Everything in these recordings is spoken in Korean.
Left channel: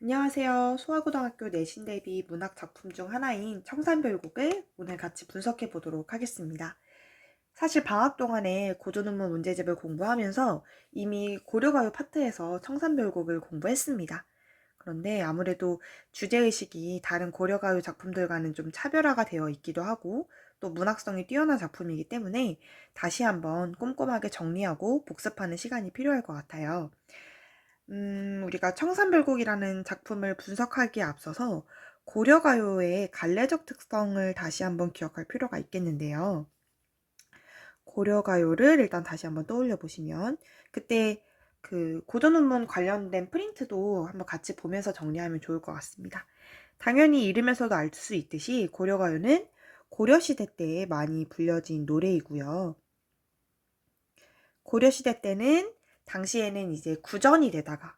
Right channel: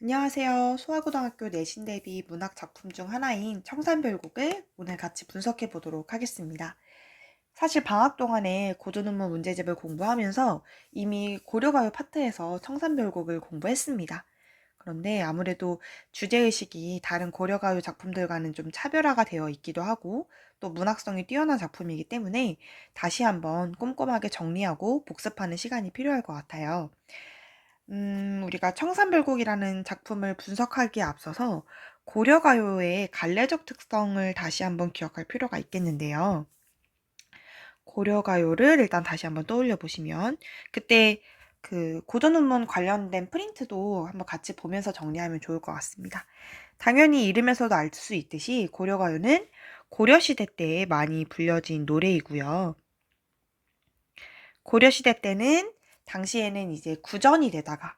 안녕하세요. 소아고등학교 내신 대비 문학 작품 중 하나인 청산별곡을 오늘 같이 분석해 보도록 하겠습니다. 사실 방학 동안에 고전문문 문제집을 공부하면서 이미 고려가요 파트에서 청산별곡을 공부했습니다. 그런데 아무래도 주제의식이 다른 고려가요 작품들과는 좀 차별화가 되어 있기도 하고 또 문학성이 뛰어난 작품이기 때문에 다시 한번 꼼꼼하게 정리하고 복습하는 시간이 필요할 것 같아요. 우리가 청산별곡이라는 작품을 분석하기에 앞서서 고려가요의 갈래적 특성을 다시 한번 기억할 필요가 있겠는데요. 고려가요를 일단 다시 한번 떠올려 보시면 그때 그 고전문문 관련된 프린트도 한번 같이 보면서 정리하면 좋을 것 같습니다. 당연히 이름에서도 알 수 있듯이 고려가요는 고려시대 때 많이 불려진 노래이고요. 고려시대 때는 당시에는 이제 구전이 되다가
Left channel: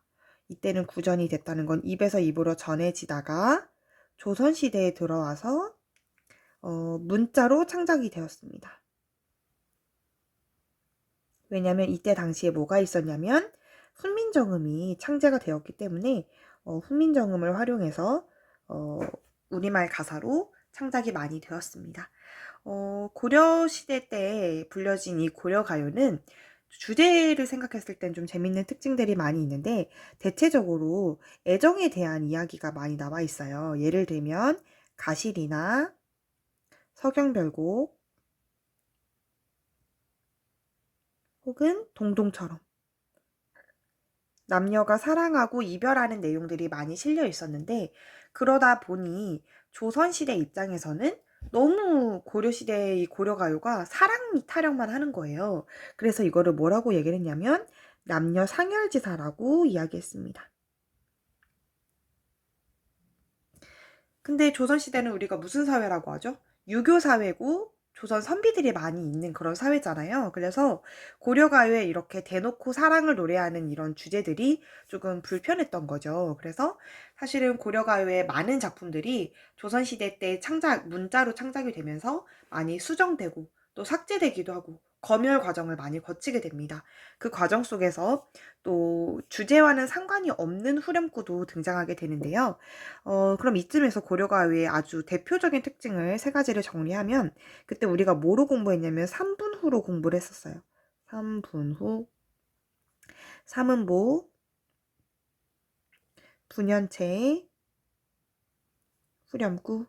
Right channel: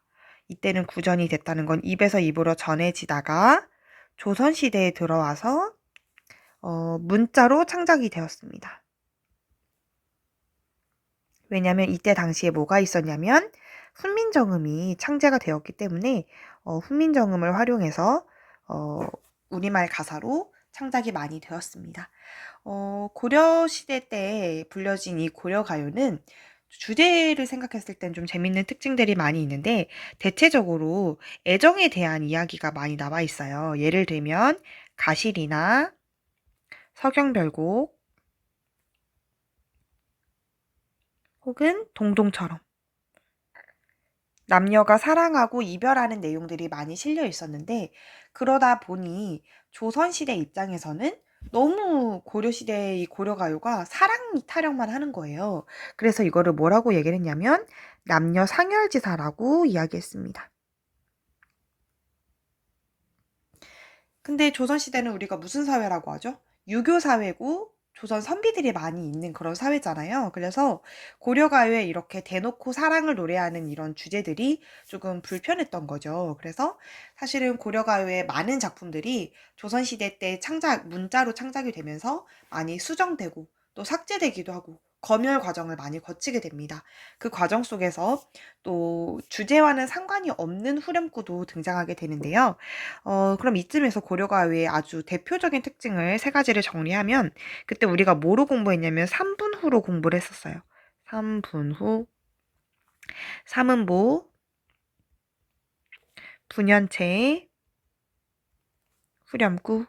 이때는 구전이 됐다는 건 입에서 입으로 전해지다가 조선시대에 들어와서 문자로 창작이 되었습니다. 왜냐하면 이때 당시에 뭐가 있었냐면 훈민정음이 창제가 되었기 때문에 훈민정음을 활용해서 어, 우리말 가사로 창작이 많이 되었습니다. 고려시대 때 불려진 이 고려가요는 주제를 생각했을 땐 좀 재밌는 특징들이 많이 있는데 대체적으로 애정에 대한 이야기가 많이 나와 있어요. 예를 들면 가실이나 서경별곡 혹은 동동처럼 남녀가 사랑하고 이별하는 내용들이 많이 실려 있었는데 그러다 보니 조선시대 입장에서는 너무 고려시대의 고려가요가 사랑 타령만 하는 거예요. 그래서 이거를 뭐라고 얘기를 했냐면 남녀 상열지사라고 이야기했습니다. 근데 조선시대는 우리가 무슨 사회라고 하죠? 유교 사회고 조선 선비들이 많이 있는 그런 사회잖아요. 그래서 고려가요에 이렇게 대놓고 사랑을 노래하는 이런 주제들이 조금 불편했던 거죠. 그래서 사실은 고려가요의 많은 작품들이 조선시대 때 문자로 창작이 되면서 많이 수정되고 또 삭제되기도 하고 검열 과정을 많이 거치게 됩니다. 그 과정 속에서 또 주제와는 상관이 없는 후렴구도 등장하게 되는데요. 그럼 이쯤에서 고려가요의 아주 대표적인 특징을 세 가지를 정리하면 그때 우리가 뭐로 공부했냐면 3분 후로 공부를 했었어요. 3분 후, 삼음보, 분연체, 후렴구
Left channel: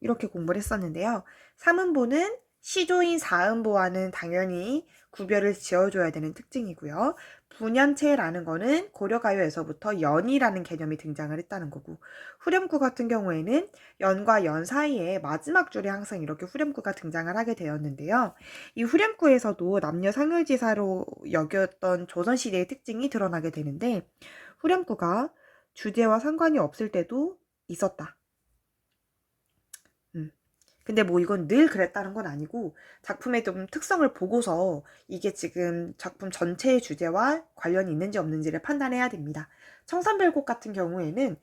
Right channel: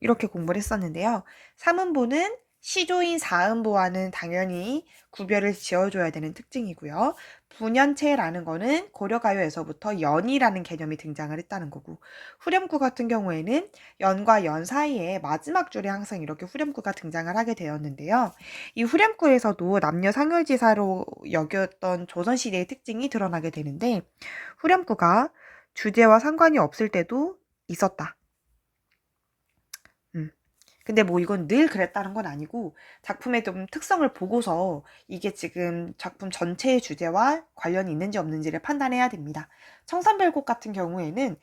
이렇게 공부를 했었는데요. 삼음보는 시조인 사음보와는 당연히 구별을 지어줘야 되는 특징이고요. 분연체라는 거는 고려가요에서부터 연이라는 개념이 등장을 했다는 거고 후렴구 같은 경우에는 연과 연 사이에 마지막 줄에 항상 이렇게 후렴구가 등장을 하게 되었는데요. 이 후렴구에서도 남녀 상열지사로 여겼던 조선시대의 특징이 드러나게 되는데 후렴구가 주제와 상관이 없을 때도 있었다. 음. 근데 뭐 이건 늘 그랬다는 건 아니고 작품의 좀 특성을 보고서 이게 지금 작품 전체의 주제와 관련이 있는지 없는지를 판단해야 됩니다. 청산별곡 같은 경우에는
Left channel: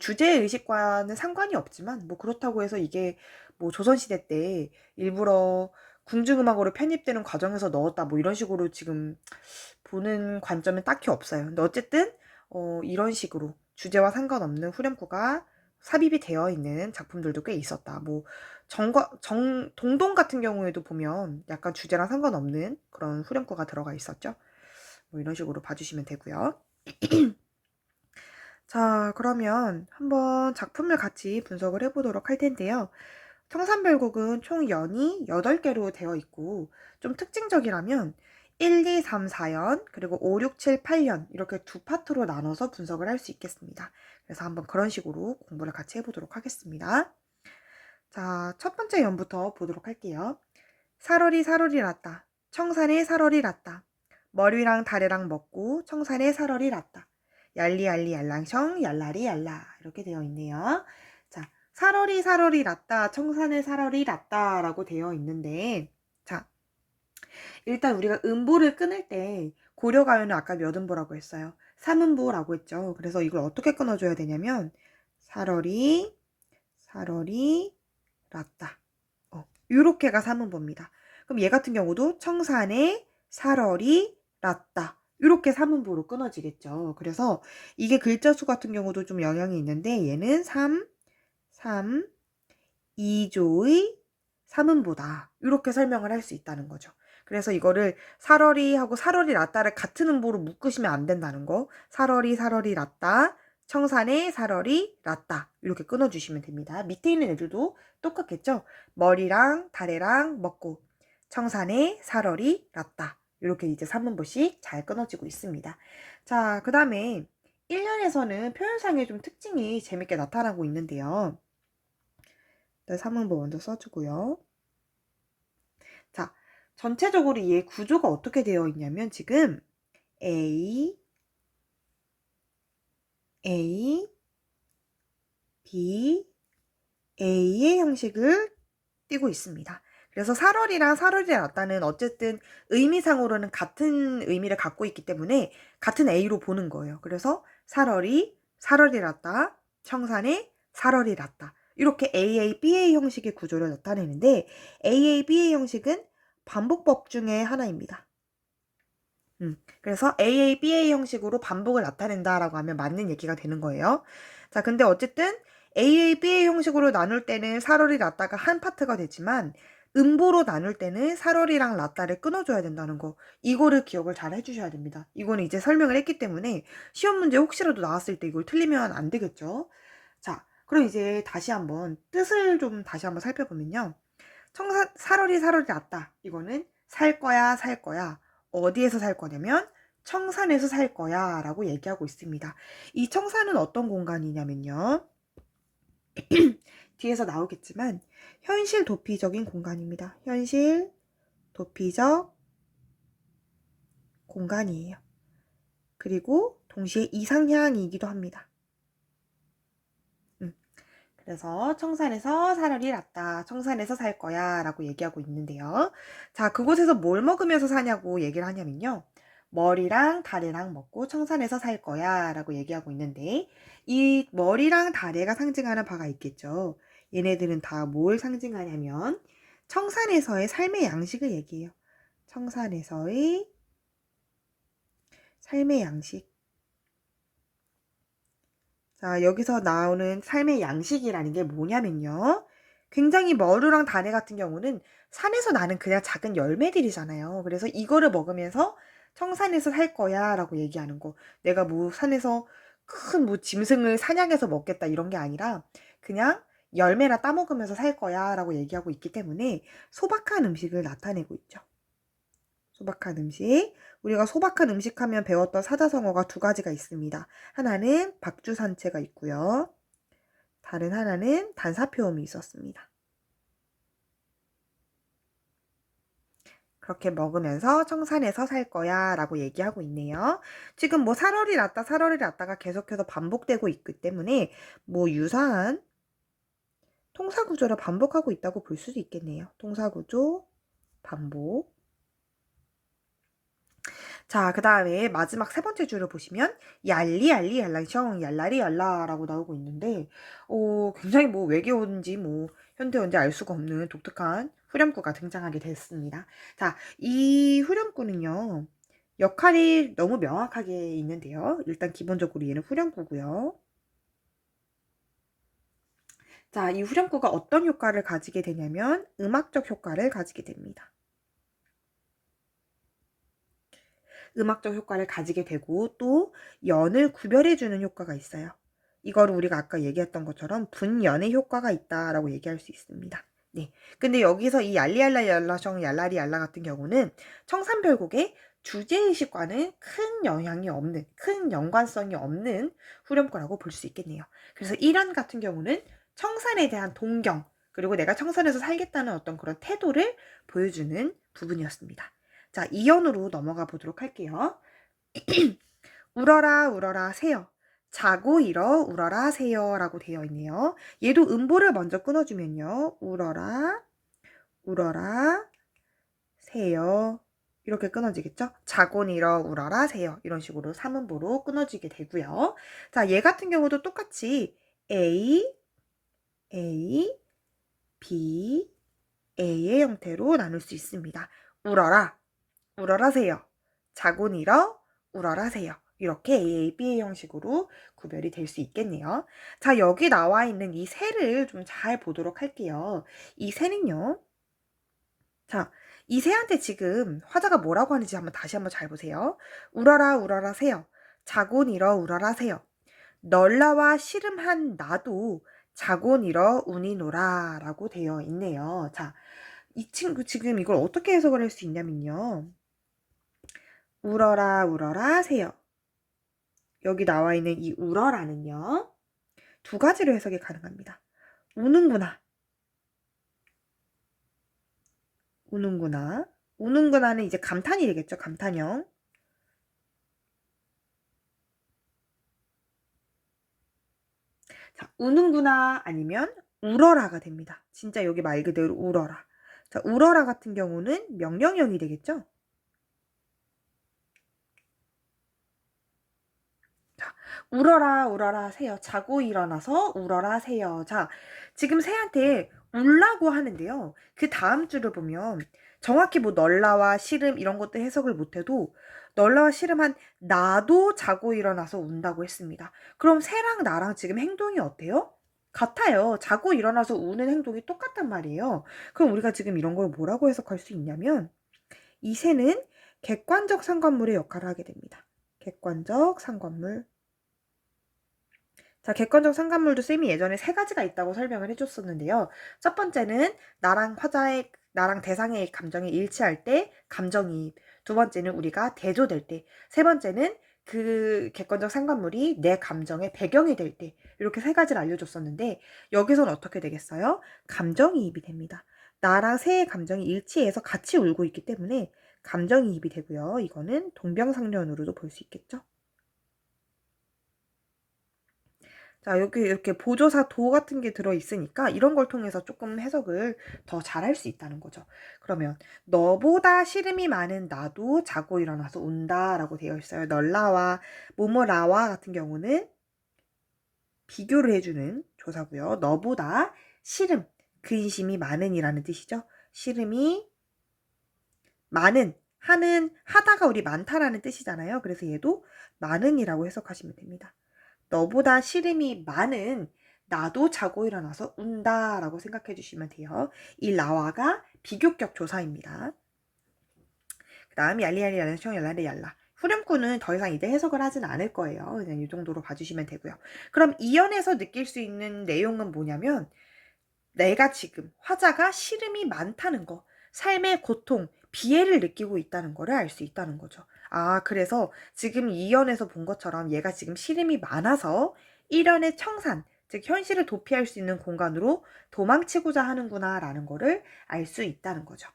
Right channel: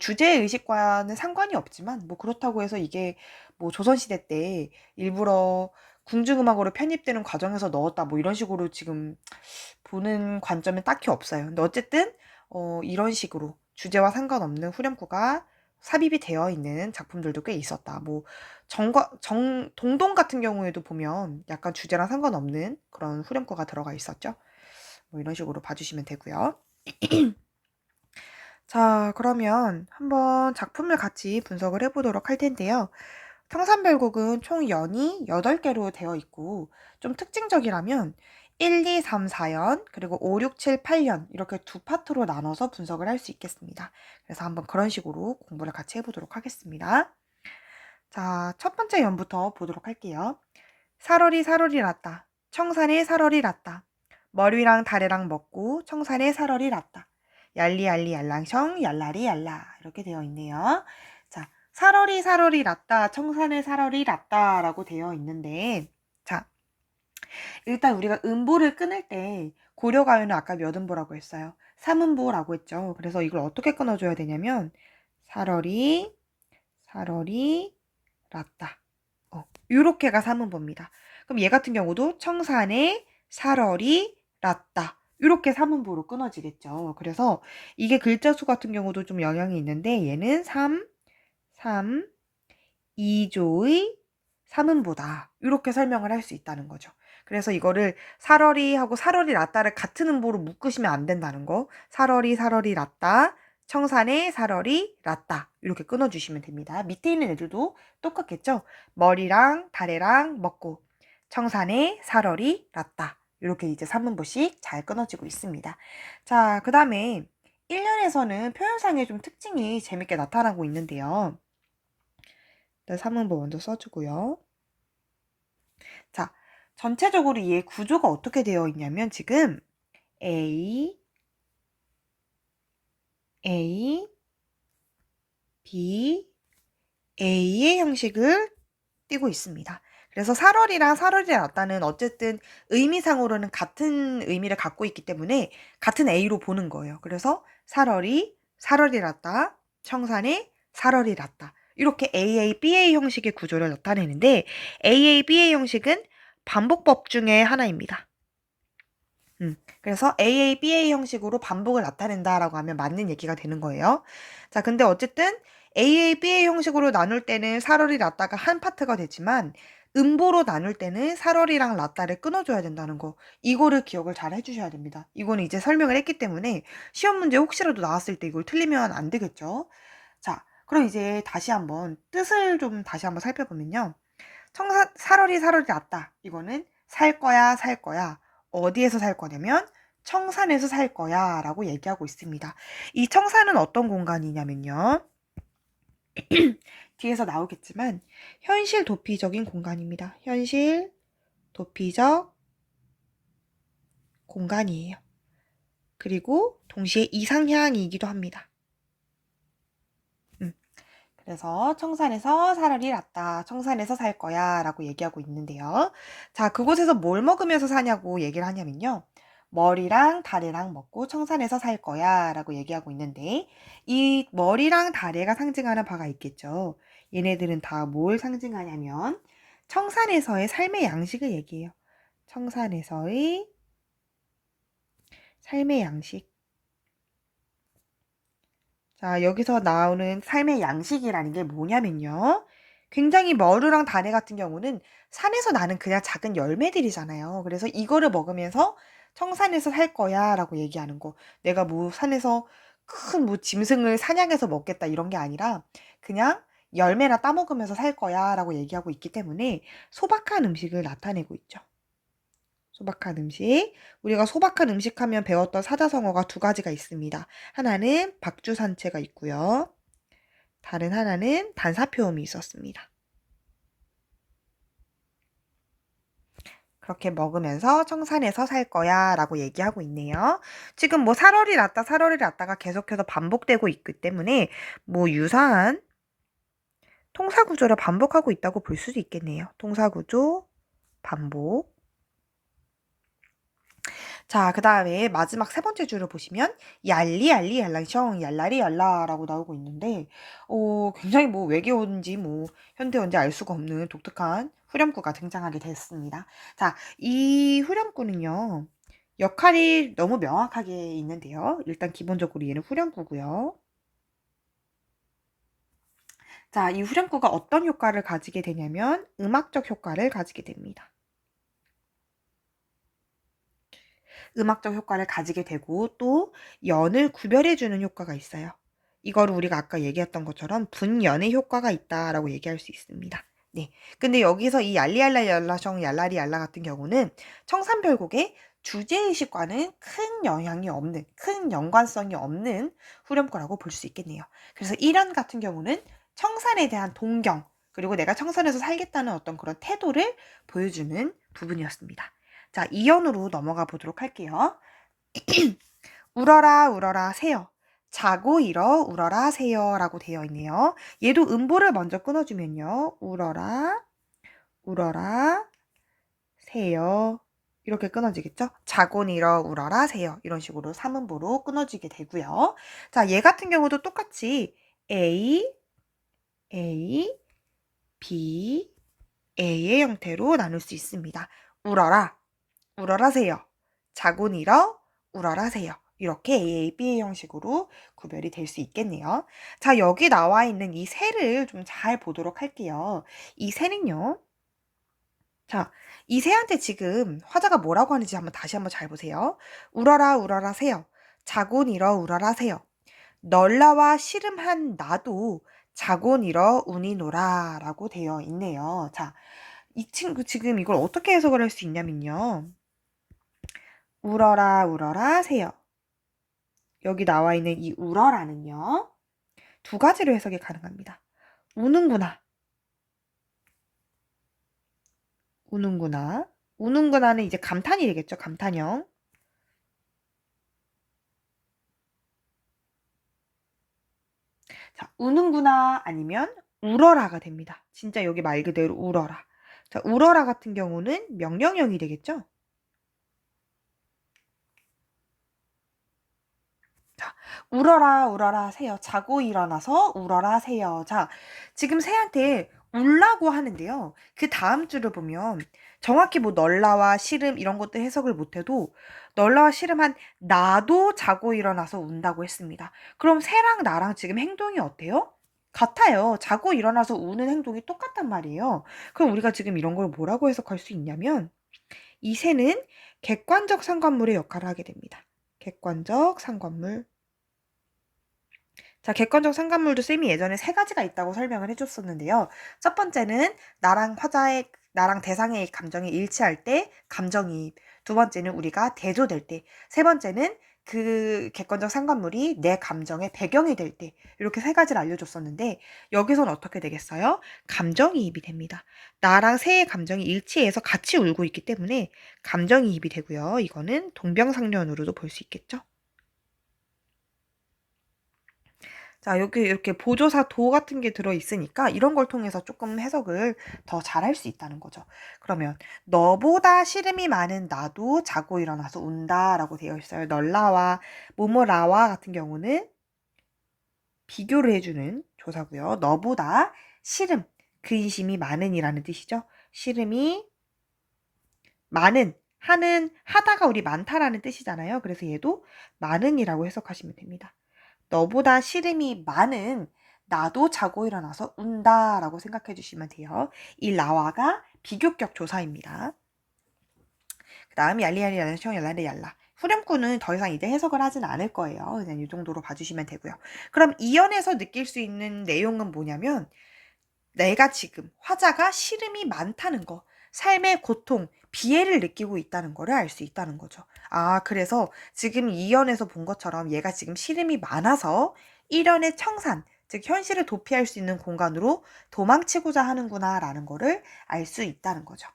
주제의식과는 상관이 없지만 뭐 그렇다고 해서 이게 뭐 조선시대 때 일부러 궁중음악으로 편입되는 과정에서 넣었다 뭐 이런 식으로 지금 보는 관점은 딱히 없어요. 근데 어쨌든 이런 식으로 주제와 상관없는 후렴구가 삽입이 되어 있는 작품들도 꽤 있었다. 뭐 동동 같은 경우에도 보면 약간 주제랑 상관없는 그런 후렴구가 들어가 있었죠. 뭐 이런 식으로 봐주시면 되고요. 자, 그러면 한번 작품을 같이 분석을 해보도록 할 텐데요. 청산별곡은 총 연이 8개로 되어 있고 좀 특징적이라면 1, 2, 3, 4연 그리고 5, 6, 7, 8연 이렇게 두 파트로 나눠서 분석을 할 수 있겠습니다. 그래서 한번 그런 식으로 공부를 같이 해보도록 하겠습니다. 자, 첫 번째 연부터 보도록 할게요. 사월이 사월이 났다. 청산에 사월이 났다. 머리랑 다리랑 먹고 청산에 사월이 났다. 얄리얄리 얄랑청 얄라리 얄라 이렇게 되어 있네요. 자, 사월이 사월이 났다. 청산에 사월이 났다라고 되어 있는데 자, 일단 우리가 음보를 끊을 때 고려가요는 아까 몇 음보라고 했어요? 3음보라고 했죠. 그래서 이걸 어떻게 끊어줘야 되냐면 사월이 났다. 요렇게가 3음보입니다. 그럼 얘 같은 경우도 청산에 살얼이 났다. 이렇게 3음보로 끊어지겠죠. 그래서 이게 글자 수 같은 경우도 좀 영향이 있는데 얘는 3, 3, 2조의 3음보다 이렇게 설명을 할 수 있다는 거죠. 그래서 이거를 살얼이하고 살얼이 낫다를 같은 음보로 묶으시면 안 된다는 거. 살얼이 살얼이 낫다, 청산의 살얼이 낫다 이렇게 끊어주시면 됩니다. 밑에 있는 애들도 똑같겠죠. 머리랑 다래랑 먹고 청산의 살얼이 낫다 이렇게 이제 3음보씩 잘 끊어지고 있습니다. 자, 그 다음에 1년에서는 표현상의 좀 특징이 재밌게 나타나고 있는데요. 3음보 먼저 써주고요. 자, 전체적으로 얘 구조가 어떻게 되어 있냐면 지금 A, A, B, A의 형식을 띠고 있습니다. 그래서 살얼이랑 살얼이 낫다는 어쨌든 의미상으로는 같은 의미를 갖고 있기 때문에 같은 A로 보는 거예요. 그래서 살얼이 낫다, 청산의 살얼이 낫다. 이렇게 AA, BA 형식의 구조를 나타내는데 AA, BA 형식은 반복법 중에 하나입니다. 그래서 AA, BA 형식으로 반복을 나타낸다라고 하면 맞는 얘기가 되는 거예요. 자, 근데 어쨌든 AA, BA 형식으로 나눌 때는 살얼이 낫다가 한 파트가 되지만 음보로 나눌 때는 살얼이랑 낫다를 끊어줘야 된다는 거. 이거를 기억을 잘 해주셔야 됩니다. 이거는 이제 설명을 했기 때문에 시험 문제 혹시라도 나왔을 때 이걸 틀리면 안 되겠죠. 자, 그럼 이제 다시 한번 뜻을 좀 다시 한번 살펴보면요. 살얼이 낫다. 이거는 살 거야, 살 거야. 어디에서 살 거냐면 청산에서 살 거야 라고 얘기하고 있습니다. 이 청산은 어떤 공간이냐면요. 뒤에서 나오겠지만 현실 도피적인 공간입니다. 현실 도피적 공간이에요. 그리고 동시에 이상향이기도 합니다. 그래서 청산에서 살얼이 낫다. 청산에서 살 거야 라고 얘기하고 있는데요. 자, 그곳에서 뭘 먹으면서 사냐고 얘기를 하냐면요. 머리랑 다래랑 먹고 청산에서 살 거야 라고 얘기하고 있는데 이 머리랑 다래가 상징하는 바가 있겠죠. 얘네들은 다 뭘 상징하냐면 청산에서의 삶의 양식을 얘기해요. 청산에서의 삶의 양식. 자, 여기서 나오는 삶의 양식이라는 게 뭐냐면요. 굉장히 머루랑 다래 같은 경우는 산에서 나는 그냥 작은 열매들이잖아요. 그래서 이거를 먹으면서 청산에서 살 거야 라고 얘기하는 거. 내가 뭐 산에서 큰 뭐 짐승을 사냥해서 먹겠다 이런 게 아니라 그냥 열매나 따먹으면서 살 거야 라고 얘기하고 있기 때문에 소박한 음식을 나타내고 있죠. 소박한 음식. 우리가 소박한 음식 하면 배웠던 사자성어가 두 가지가 있습니다. 하나는 박주산채가 있고요. 다른 하나는 단사표음이 있었습니다. 그렇게 먹으면서 청산에서 살 거야 라고 얘기하고 있네요. 지금 뭐 살얼이 낫다 살얼이 낫다가 계속해서 반복되고 있기 때문에 뭐 유사한 통사구조를 반복하고 있다고 볼 수도 있겠네요. 통사구조 반복. 자, 그 다음에 마지막 세 번째 줄을 보시면 얄리 얄리 얄랑셩 얄라리 얄라라고 나오고 있는데 굉장히 뭐 외계어인지 뭐 현대어인지 알 수가 없는 독특한 후렴구가 등장하게 됐습니다. 자, 이 후렴구는요. 역할이 너무 명확하게 있는데요. 일단 기본적으로 얘는 후렴구고요. 자, 이 후렴구가 어떤 효과를 가지게 되냐면 음악적 효과를 가지게 됩니다. 음악적 효과를 가지게 되고 또 연을 구별해주는 효과가 있어요. 이거를 우리가 아까 얘기했던 것처럼 분연의 효과가 있다라고 얘기할 수 있습니다. 네. 근데 여기서 이 얄리얄라 얄라셩 얄라리 얄라 같은 경우는 청산별곡의 주제의식과는 큰 영향이 없는, 큰 연관성이 없는 후렴구라고 볼 수 있겠네요. 그래서 1안 같은 경우는 청산에 대한 동경, 그리고 내가 청산에서 살겠다는 어떤 그런 태도를 보여주는 부분이었습니다. 자, 2연으로 넘어가 보도록 할게요. 울어라 울어라 새요. 자고 일어 울어라 새요 라고 되어 있네요. 얘도 음보를 먼저 끊어주면요. 울어라 울어라 새요. 이렇게 끊어지겠죠? 자고 일어 울어라 새요. 이런 식으로 3음보로 끊어지게 되고요. 자, 얘 같은 경우도 똑같이 A, A, B, A의 형태로 나눌 수 있습니다. 울어라 울어라 새요. 자고 일어 우러라 새요. 이렇게 A, B의 형식으로 구별이 될 수 있겠네요. 자, 여기 나와 있는 이 새를 좀 잘 보도록 할게요. 이 새는요. 자, 이 새한테 지금 화자가 뭐라고 하는지 다시 한번 잘 보세요. 우러라 우러라 새요. 자곤 일어 우러라 새요. 널라와 씨름한 나도 자곤 일어 운이 놀아 라고 되어 있네요. 자, 이 친구 지금 이걸 어떻게 해석을 할 수 있냐면요. 우러라 우러라 새요. 여기 나와 있는 이 우러라는요. 두 가지로 해석이 가능합니다. 우는구나. 우는구나. 우는구나는 이제 감탄이 되겠죠. 감탄형. 자, 우는구나 아니면 울어라가 됩니다. 진짜 여기 말 그대로 울어라. 자, 울어라 같은 경우는 명령형이 되겠죠. 자, 울어라 울어라 새요. 자고 일어나서 울어라 새요. 자, 지금 새한테 울라고 하는데요. 그 다음 줄을 보면 정확히 뭐 널라와 시름 이런 것들 해석을 못해도 널라와 시름한 나도 자고 일어나서 운다고 했습니다. 그럼 새랑 나랑 지금 행동이 어때요? 같아요. 자고 일어나서 우는 행동이 똑같단 말이에요. 그럼 우리가 지금 이런 걸 뭐라고 해석할 수 있냐면 이 새는 객관적 상관물의 역할을 하게 됩니다. 객관적 상관물. 자, 객관적 상관물도 쌤이 예전에 세 가지가 있다고 설명을 해줬었는데요. 첫 번째는 나랑 대상의 감정이 일치할 때 감정이입. 두 번째는 우리가 대조될 때. 세 번째는 그 객관적 상관물이 내 감정의 배경이 될 때. 이렇게 세 가지를 알려줬었는데 여기서는 어떻게 되겠어요? 감정이입이 됩니다. 나랑 새의 감정이 일치해서 같이 울고 있기 때문에 감정이입이 되고요. 이거는 동병상련으로도 볼 수 있겠죠. 자, 여기 이렇게 보조사 도 같은 게 들어있으니까 이런 걸 통해서 조금 해석을 더 잘할 수 있다는 거죠. 그러면 너보다 시름이 많은 나도 자고 일어나서 운다 라고 되어 있어요. 널라와 모모라와 같은 경우는 비교를 해주는 조사고요. 너보다 시름, 근심이 많은이라는 뜻이죠. 시름이 많은, 하다가 우리 많다라는 뜻이잖아요. 그래서 얘도 많은이라고 해석하시면 됩니다. 너보다 시름이 많은 나도 자고 일어나서 운다 라고 생각해 주시면 돼요. 이 라와가 비교격 조사입니다. 그 다음 얄리얄리 얄라청 얄라리 얄라. 후렴구는 더 이상 이제 해석을 하진 않을 거예요. 그냥 이 정도로 봐주시면 되고요. 그럼 이연에서 느낄 수 있는 내용은 뭐냐면 내가 지금 화자가 시름이 많다는 거, 삶의 고통, 비애를 느끼고 있다는 거를 알 수 있다는 거죠. 아, 그래서 지금 2연에서 본 것처럼 얘가 지금 시름이 많아서 1연의 청산, 즉 현실을 도피할 수 있는 공간으로 도망치고자 하는구나 라는 거를 알 수 있다는 거죠.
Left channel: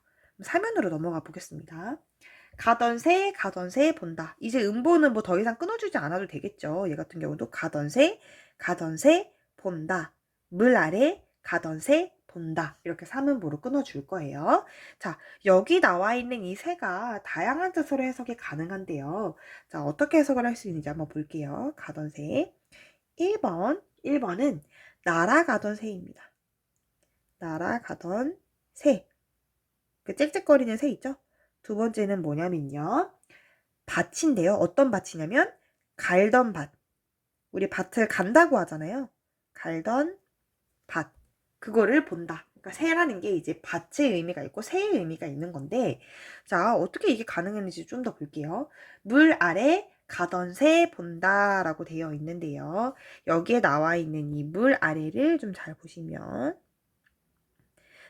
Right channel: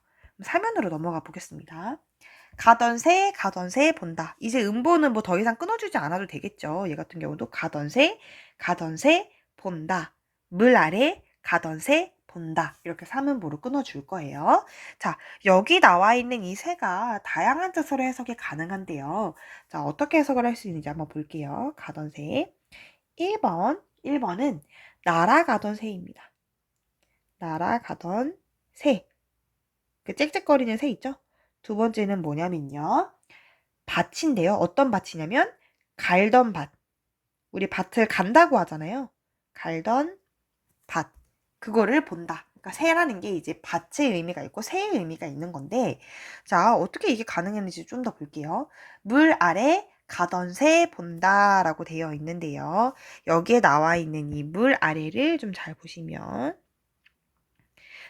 3연으로 넘어가 보겠습니다. 가던 새 본다. 이제 음보는 뭐 더 이상 끊어주지 않아도 되겠죠. 얘 같은 경우도 가던 새 본다. 물 아래 가던 새 본다. 이렇게 3음보로 끊어줄 거예요. 자, 여기 나와 있는 이 새가 다양한 뜻으로 해석이 가능한데요. 자, 어떻게 해석을 할 수 있는지 한번 볼게요. 가던 새. 1번은 날아가던 새입니다. 날아가던 새. 그 짹짹거리는 새 있죠? 두 번째는 뭐냐면요. 밭인데요. 어떤 밭이냐면 갈던 밭. 우리 밭을 간다고 하잖아요. 갈던 밭. 그거를 본다. 그러니까 새라는 게 이제 밭의 의미가 있고 새의 의미가 있는 건데 자, 어떻게 이게 가능했는지 좀 더 볼게요. 물 아래 가던 새 본다 라고 되어 있는데요. 여기에 나와 있는 이 물 아래를 좀 잘 보시면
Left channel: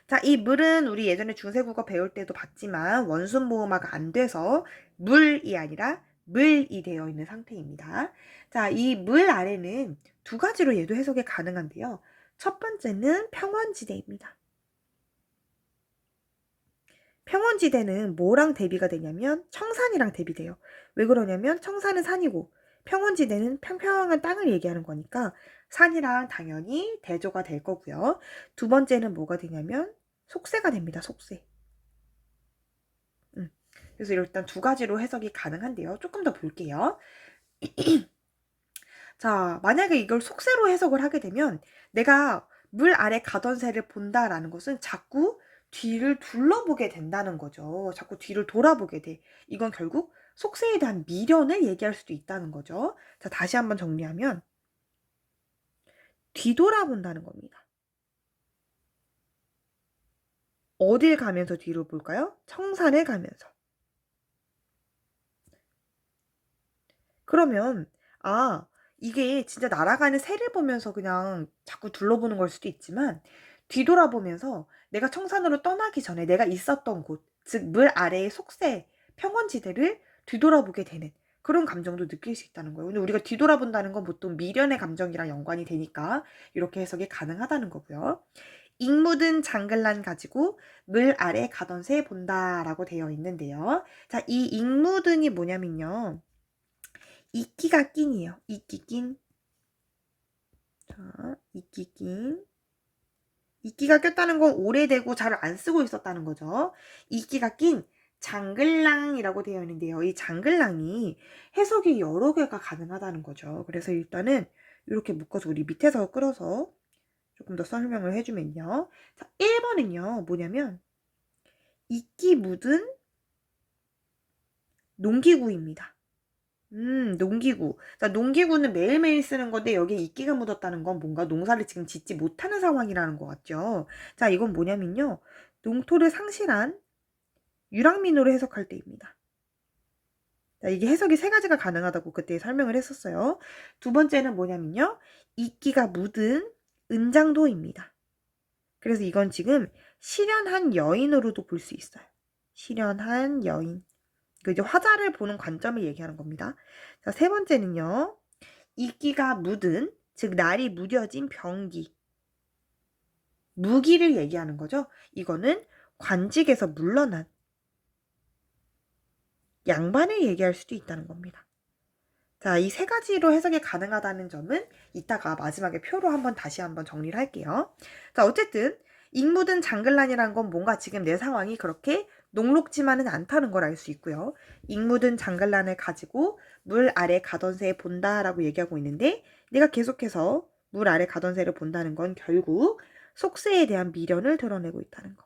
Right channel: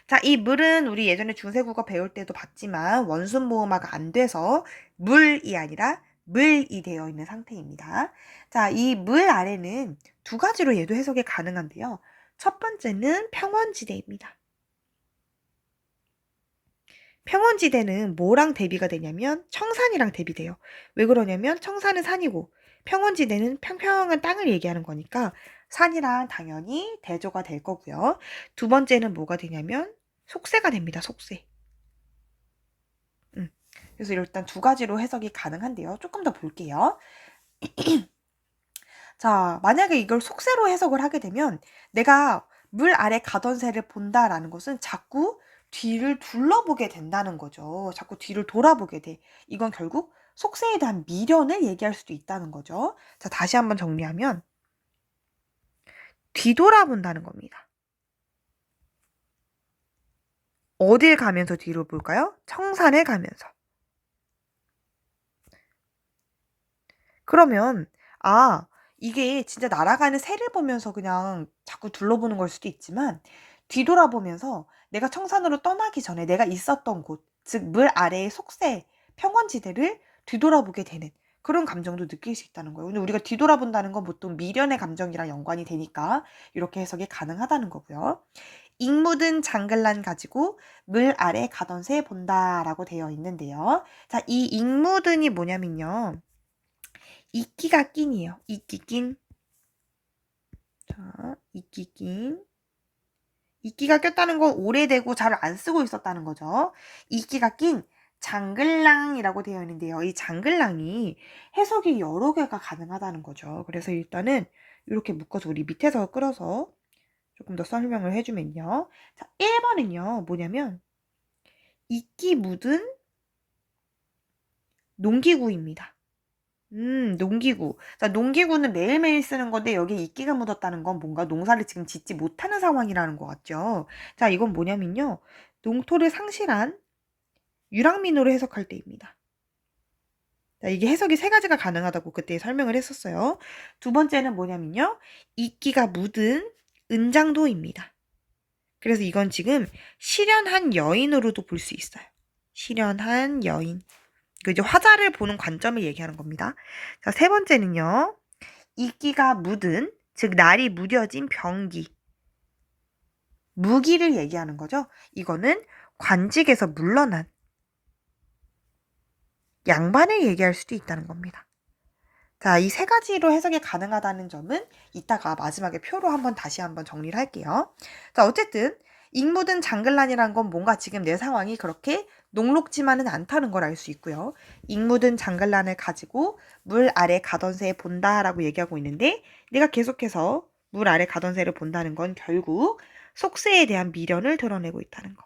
자, 이 물은 우리 예전에 중세국어 배울 때도 봤지만 원순 모음화가 안 돼서 물이 아니라 물이 되어 있는 상태입니다. 자, 이 물 아래는 두 가지로 얘도 해석이 가능한데요. 첫 번째는 평원지대입니다. 평원지대는 뭐랑 대비가 되냐면 청산이랑 대비돼요. 왜 그러냐면 청산은 산이고 평원지대는 평평한 땅을 얘기하는 거니까 산이랑 당연히 대조가 될 거고요. 두 번째는 뭐가 되냐면 속세가 됩니다. 속세. 그래서 일단 두 가지로 해석이 가능한데요. 조금 더 볼게요. 자, 만약에 이걸 속세로 해석을 하게 되면 내가 물 아래 가던 새를 본다라는 것은 자꾸 뒤를 둘러보게 된다는 거죠. 자꾸 뒤를 돌아보게 돼. 이건 결국 속세에 대한 미련을 얘기할 수도 있다는 거죠. 자, 다시 한번 정리하면 뒤돌아본다는 겁니다. 어딜 가면서 뒤로 볼까요? 청산을 가면서. 그러면 이게 진짜 날아가는 새를 보면서 그냥 자꾸 둘러보는 걸 수도 있지만 뒤돌아보면서 내가 청산으로 떠나기 전에 내가 있었던 곳, 즉 물 아래의 속세, 평원지대를 뒤돌아보게 되는 그런 감정도 느낄 수 있다는 거예요. 근데 우리가 뒤돌아본다는 건 보통 미련의 감정이랑 연관이 되니까 이렇게 해석이 가능하다는 거고요. 익 묻은 장글란 가지고 물 아래 가던 새 본다라고 되어 있는데요. 자, 이 익 묻은이 뭐냐면요. 이끼가 낀이에요. 이끼 낀. 자, 이끼 낀. 이끼가 꼈다는 건 오래되고 잘 안 쓰고 있었다는 거죠. 이끼가 낀 장글랑이라고 되어 있는데요. 이 장글랑이 해석이 여러 개가 가능하다는 거죠. 그래서 일단은 이렇게 묶어서 우리 밑에서 끌어서 조금 더 설명을 해주면요. 자, 1번은요. 뭐냐면 이끼 묻은 농기구입니다. 농기구. 자, 농기구는 매일매일 쓰는 건데 여기에 이끼가 묻었다는 건 뭔가 농사를 지금 짓지 못하는 상황이라는 것 같죠. 자, 이건 뭐냐면요. 농토를 상실한 유랑민으로 해석할 때입니다. 자, 이게 해석이 세 가지가 가능하다고 그때 설명을 했었어요. 두 번째는 뭐냐면요. 이끼가 묻은 은장도입니다. 그래서 이건 지금 실연한 여인으로도 볼 수 있어요. 실연한 여인. 그 이제 화자를 보는 관점을 얘기하는 겁니다. 자, 세 번째는요. 이끼가 묻은, 즉 날이 무뎌진 병기. 무기를 얘기하는 거죠. 이거는 관직에서 물러난 양반을 얘기할 수도 있다는 겁니다. 자, 이 세 가지로 해석이 가능하다는 점은 이따가 마지막에 표로 다시 한번 정리를 할게요. 자, 어쨌든 익 묻은 장글란이란 건 뭔가 지금 내 상황이 그렇게 녹록지만은 않다는 걸 알 수 있고요. 익 묻은 장글란을 가지고 물 아래 가던 새 본다라고 얘기하고 있는데 내가 계속해서 물 아래 가던 새를 본다는 건 결국 속세에 대한 미련을 드러내고 있다는 거.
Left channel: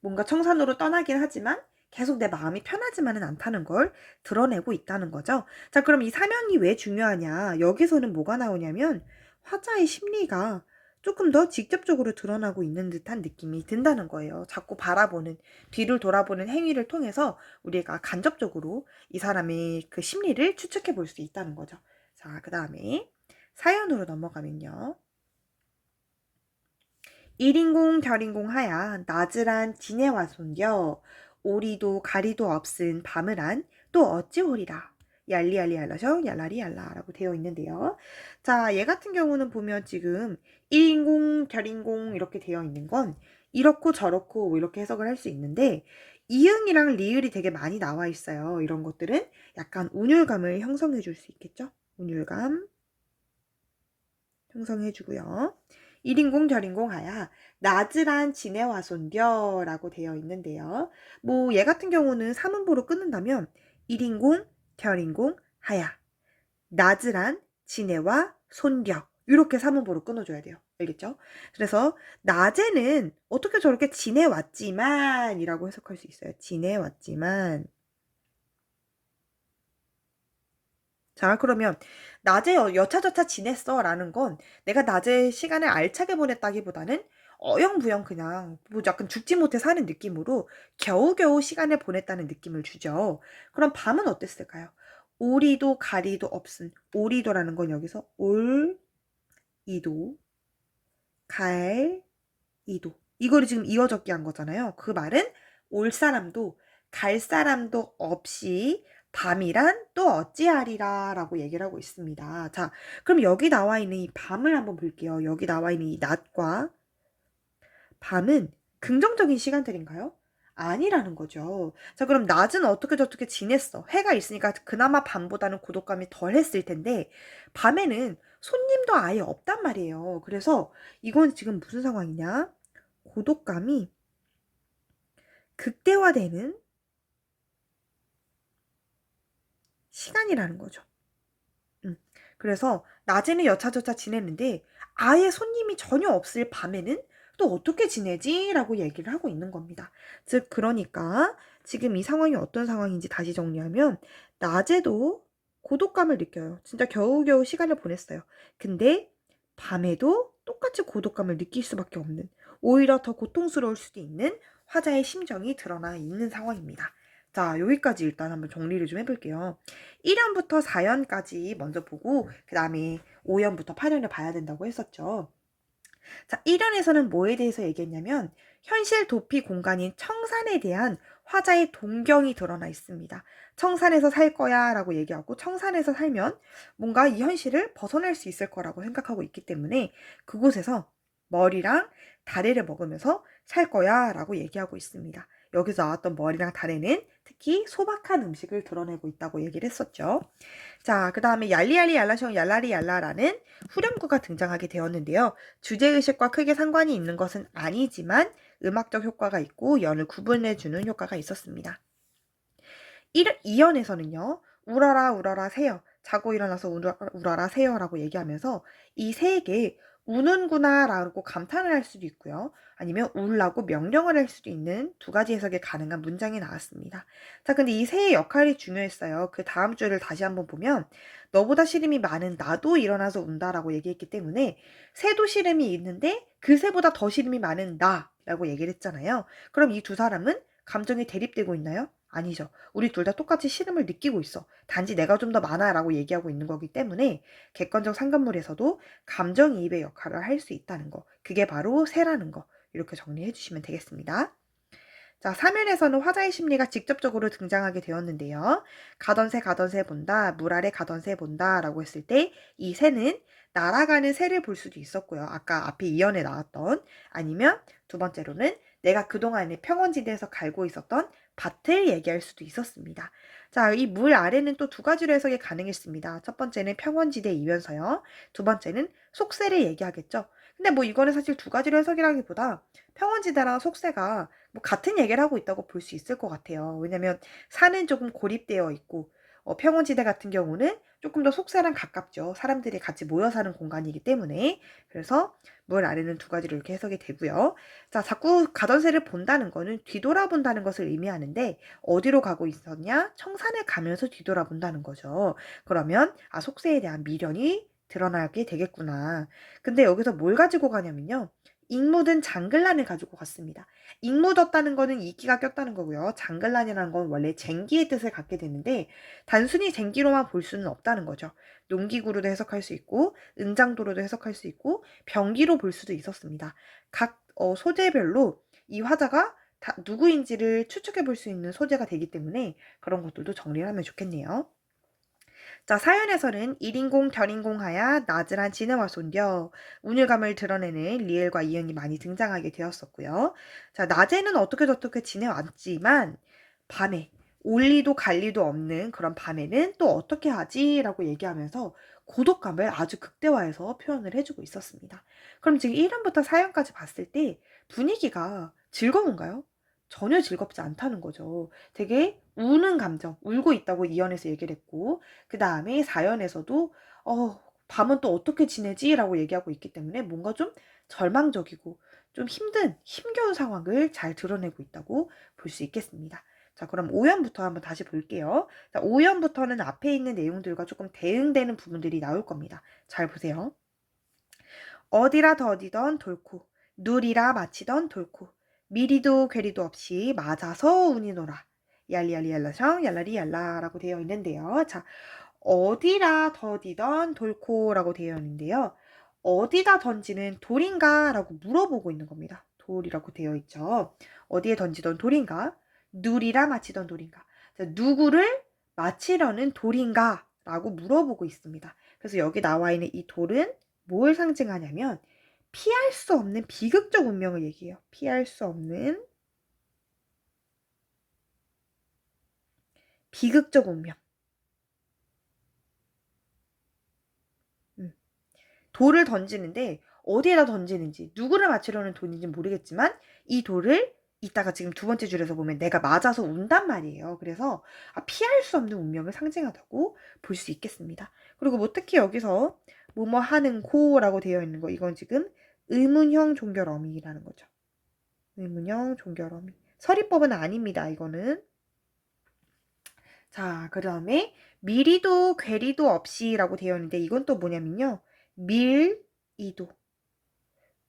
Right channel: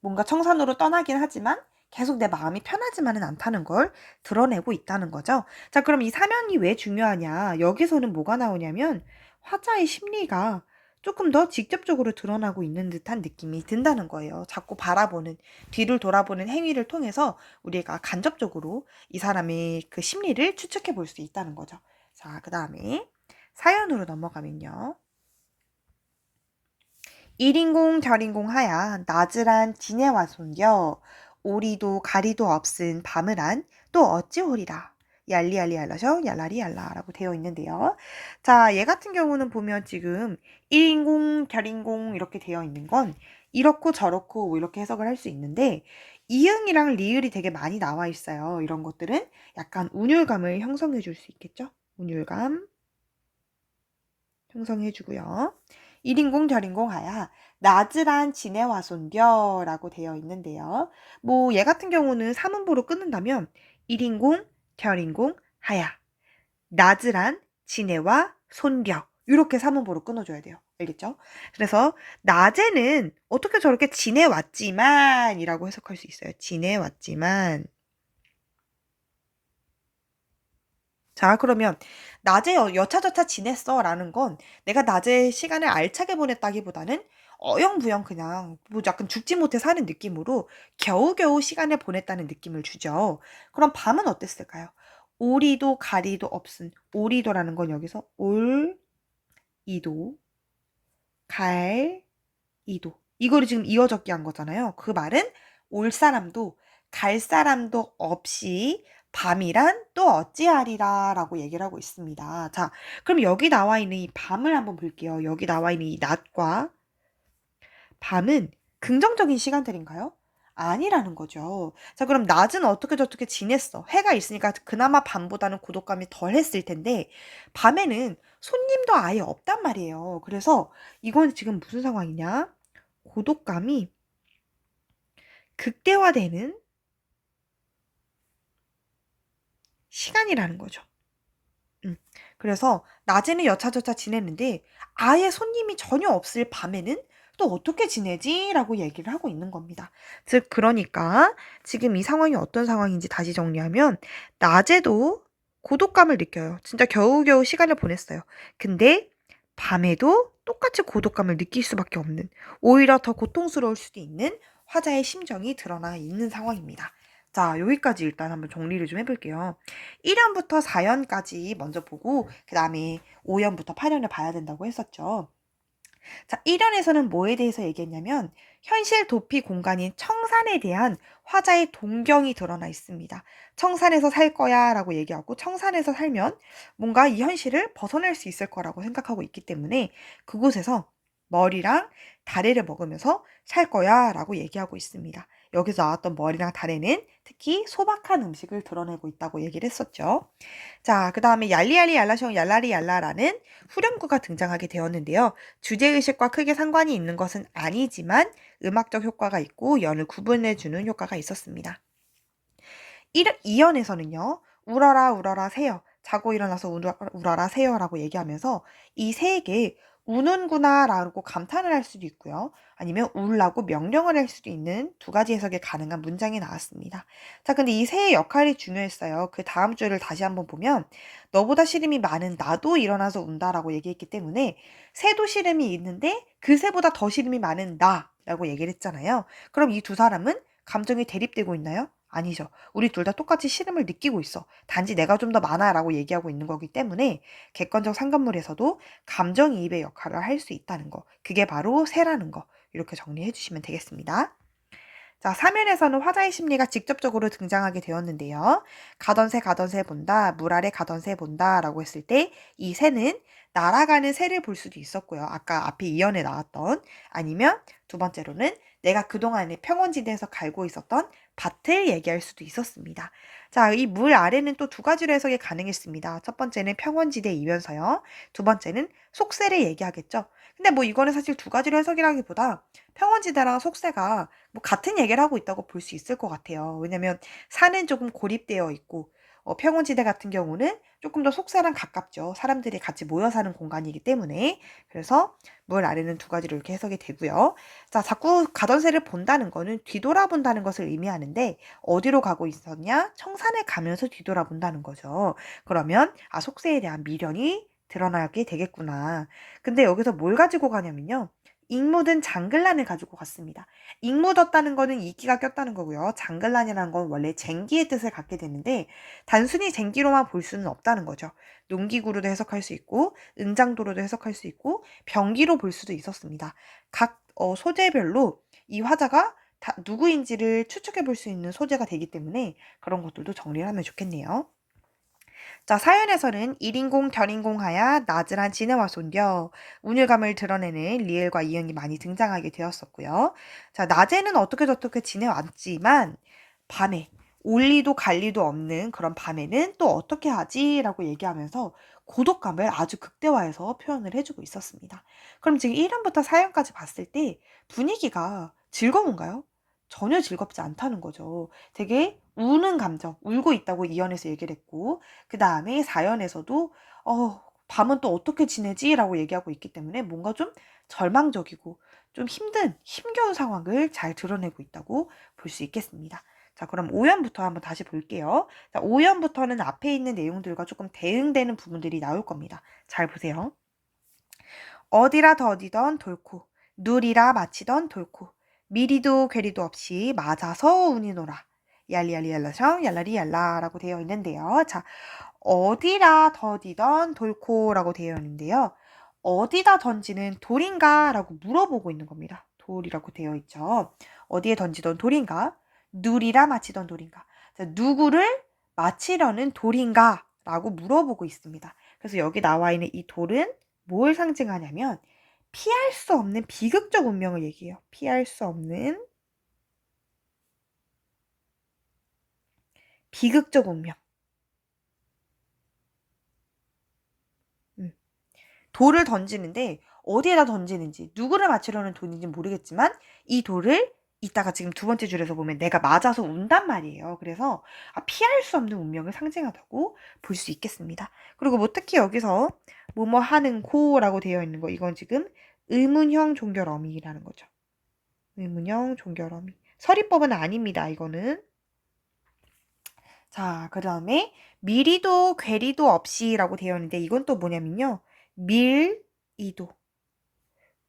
뭔가 청산으로 떠나긴 하지만 계속 내 마음이 편하지만은 않다는 걸 드러내고 있다는 거죠. 자, 그럼 이 사면이 왜 중요하냐? 여기서는 뭐가 나오냐면 화자의 심리가 조금 더 직접적으로 드러나고 있는 듯한 느낌이 든다는 거예요. 자꾸 바라보는, 뒤를 돌아보는 행위를 통해서 우리가 간접적으로 이 사람의 그 심리를 추측해 볼 수 있다는 거죠. 자, 그 다음에 사연으로 넘어가면요. 1인공 절인공 하야 나즈란 지네와 손겨 오리도 가리도 없은 밤을 안 또 어찌 오리라 얄리얄리 얄라셔 얄라리 얄라라고 되어 있는데요. 자, 얘 같은 경우는 보면 지금 1인공 결인공 이렇게 되어 있는 건 이렇고 저렇고 뭐 이렇게 해석을 할 수 있는데 이응이랑 리을이 되게 많이 나와 있어요. 이런 것들은 약간 운율감을 형성해 줄 수 있겠죠. 운율감 형성해 주고요. 1인공 절인공 하야 나즈란 지네와 손겨 라고 되어 있는데요. 뭐 얘 같은 경우는 사문보로 끊는다면 1인공 절인공 하야 나즈란 지네와 손겨 이렇게 사문보로 끊어줘야 돼요. 알겠죠? 그래서 낮에는 어떻게 저렇게 지내왔지만 이라고 해석할 수 있어요. 지내왔지만. 자, 그러면 낮에 여차저차 지냈어 라는 건 내가 낮에 시간을 알차게 보냈다기보다는 어영부영 그냥 뭐 약간 죽지 못해 사는 느낌으로 겨우겨우 시간을 보냈다는 느낌을 주죠. 그럼 밤은 어땠을까요? 오리도 가리도 없은 오리도라는 건 여기서 올, 이도, 갈, 이도. 이거를 지금 이어 적기 한 거잖아요. 그 말은 올 사람도 갈 사람도 없이 밤이란 또 어찌하리라 라고 얘기를 하고 있습니다. 자, 그럼 여기 나와 있는 이 밤을 한번 볼게요. 여기 나와 있는 이 낮과 밤은 긍정적인 시간들인가요? 아니라는 거죠. 자, 그럼 낮은 어떻게 저떻게 지냈어? 해가 있으니까 그나마 밤보다는 고독감이 덜 했을 텐데 밤에는 손님도 아예 없단 말이에요. 그래서 이건 지금 무슨 상황이냐? 고독감이 극대화되는 시간이라는 거죠. 그래서 낮에는 여차저차 지냈는데 아예 손님이 전혀 없을 밤에는 또 어떻게 지내지? 라고 얘기를 하고 있는 겁니다. 즉, 그러니까 지금 이 상황이 어떤 상황인지 다시 정리하면 낮에도 고독감을 느껴요. 진짜 겨우겨우 시간을 보냈어요. 근데 밤에도 똑같이 고독감을 느낄 수밖에 없는, 오히려 더 고통스러울 수도 있는 화자의 심정이 드러나 있는 상황입니다. 자, 여기까지 일단 한번 정리를 좀 해볼게요. 1연부터 4연까지 먼저 보고 그 다음에 5연부터 8연을 봐야 된다고 했었죠. 자, 1연에서는 뭐에 대해서 얘기했냐면 현실 도피 공간인 청산에 대한 화자의 동경이 드러나 있습니다. 청산에서 살 거야 라고 얘기하고 청산에서 살면 뭔가 이 현실을 벗어날 수 있을 거라고 생각하고 있기 때문에 그곳에서 머리랑 다래를 먹으면서 살 거야 라고 얘기하고 있습니다. 여기서 나왔던 머리랑 다래는 특히 소박한 음식을 드러내고 있다고 얘기를 했었죠. 자, 그 다음에 얄리얄리 얄라숑 얄라리 얄라라는 후렴구가 등장하게 되었는데요. 주제의식과 크게 상관이 있는 것은 아니지만 음악적 효과가 있고 연을 구분해주는 효과가 있었습니다. 2연에서는요. 울어라 울어라 새요. 자고 일어나서 울어라 새요라고 얘기하면서 이 새에게 우는구나 라고 감탄을 할 수도 있고요. 아니면 울라고 명령을 할 수도 있는 두 가지 해석이 가능한 문장이 나왔습니다. 자, 근데 이 새의 역할이 중요했어요. 그 다음 줄을 다시 한번 보면 너보다 시름이 많은 나도 일어나서 운다라고 얘기했기 때문에 새도 시름이 있는데 그 새보다 더 시름이 많은 나라고 얘기를 했잖아요. 그럼 이 두 사람은 감정이 대립되고 있나요? 아니죠. 우리 둘 다 똑같이 시름을 느끼고 있어. 단지 내가 좀 더 많아 라고 얘기하고 있는 거기 때문에 객관적 상관물에서도 감정이입의 역할을 할 수 있다는 거. 그게 바로 새라는 거. 이렇게 정리해 주시면 되겠습니다. 자, 3연에서는 화자의 심리가 직접적으로 등장하게 되었는데요. 가던 새 본다, 물 아래 가던 새 본다 라고 했을 때 이 새는 날아가는 새를 볼 수도 있었고요. 아까 앞에 2연에 나왔던, 아니면 두 번째로는 내가 그동안에 평원지대에서 갈고 있었던 밭을 얘기할 수도 있었습니다. 자, 이 물 아래는 또 두 가지로 해석이 가능했습니다. 첫 번째는 평원지대이면서요. 두 번째는 속새를 얘기하겠죠. 근데 뭐 이거는 사실 두 가지로 해석이라기보다 평원지대랑 속새가 뭐 같은 얘기를 하고 있다고 볼 수 있을 것 같아요. 왜냐면 산은 조금 고립되어 있고 평원지대 같은 경우는 조금 더 속사랑 가깝죠. 사람들이 같이 모여 사는 공간이기 때문에. 그래서 물 아래는 두 가지로 이렇게 해석이 되고요. 자, 자꾸 가던 새를 본다는 거는 뒤돌아본다는 것을 의미하는데 어디로 가고 있었냐? 청산에 가면서 뒤돌아본다는 거죠. 그러면 속새에 대한 미련이 드러나게 되겠구나. 근데 여기서 뭘 가지고 가냐면요. 잉 묻은 장글란을 가지고 갔습니다. 잉 묻었다는 거는 이끼가 꼈다는 거고요. 장글란이라는 건 원래 쟁기의 뜻을 갖게 되는데 단순히 쟁기로만 볼 수는 없다는 거죠. 농기구로도 해석할 수 있고 은장도로도 해석할 수 있고 병기로 볼 수도 있었습니다. 각 소재별로 이 화자가 누구인지를 추측해 볼 수 있는 소재가 되기 때문에 그런 것들도 정리를 하면 좋겠네요. 자, 사연에서는 1인공 결인공하야 나즈란 지네와 손겨 운율감을 드러내는 리을과 이응이 많이 등장하게 되었었고요. 자, 낮에는 어떻게 저떻게 지내왔지만 밤에 올 리도 갈 리도 없는 그런 밤에는 또 어떻게 하지? 라고 얘기하면서 고독감을 아주 극대화해서 표현을 해주고 있었습니다. 그럼 지금 1연부터 4연까지 봤을 때 분위기가 즐거운가요? 전혀 즐겁지 않다는 거죠. 되게 우는 감정, 울고 있다고 2연에서 얘기를 했고 그 다음에 4연에서도 밤은 또 어떻게 지내지? 라고 얘기하고 있기 때문에 뭔가 좀 절망적이고 좀 힘겨운 상황을 잘 드러내고 있다고 볼 수 있겠습니다. 자, 그럼 5연부터 한번 다시 볼게요. 자, 5연부터는 앞에 있는 내용들과 조금 대응되는 부분들이 나올 겁니다. 잘 보세요. 어디라 더디던 돌코, 누리라 마치던 돌코, 미리도 괴리도 없이 맞아서 우니노라. 얄리얄리얄라성 얄라리얄라라고 되어 있는데요. 자, 어디라 더디던 돌코라고 되어 있는데요. 어디다 던지는 돌인가? 라고 물어보고 있는 겁니다. 돌이라고 되어 있죠. 어디에 던지던 돌인가? 누리라 마치던 돌인가? 자, 누구를 마치려는 돌인가? 라고 물어보고 있습니다. 그래서 여기 나와 있는 이 돌은 뭘 상징하냐면 피할 수 없는 비극적 운명을 얘기해요. 피할 수 없는 비극적 운명. 음. 돌을 던지는데 어디에다 던지는지 누구를 맞추려는 돌인지 모르겠지만 이 돌을 이따가 지금 두 번째 줄에서 보면 내가 맞아서 운단 말이에요. 그래서 피할 수 없는 운명을 상징하다고 볼 수 있겠습니다. 그리고 뭐 특히 여기서 뭐뭐 하는 고라고 되어 있는 거 이건 지금 의문형 종결어미라는 거죠. 의문형 종결어미. 서리법은 아닙니다, 이거는. 자, 그 다음에 미리도 괴리도 없이라고 되어 있는데 이건 또 뭐냐면요. 밀이도,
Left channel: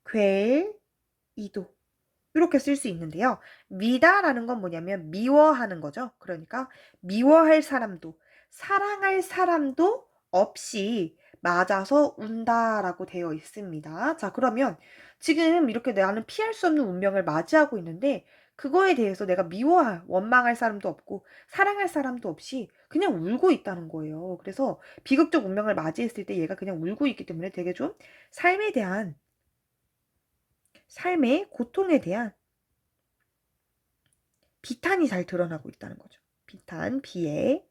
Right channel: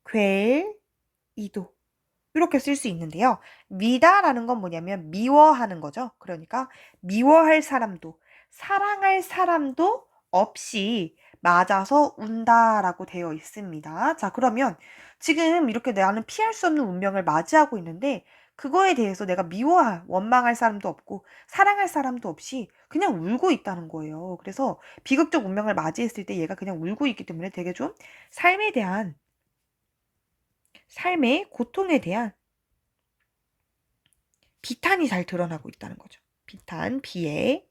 괴이도 이렇게 쓸 수 있는데요. 미다라는 건 뭐냐면 미워하는 거죠. 그러니까 미워할 사람도 사랑할 사람도 없이 맞아서 운다라고 되어 있습니다. 자, 그러면 지금 이렇게 나는 피할 수 없는 운명을 맞이하고 있는데 그거에 대해서 내가 미워할, 원망할 사람도 없고 사랑할 사람도 없이 그냥 울고 있다는 거예요. 그래서 비극적 운명을 맞이했을 때 얘가 그냥 울고 있기 때문에 되게 좀 삶에 대한, 삶의 고통에 대한 비탄이 잘 드러나고 있다는 거죠. 비탄, 비애.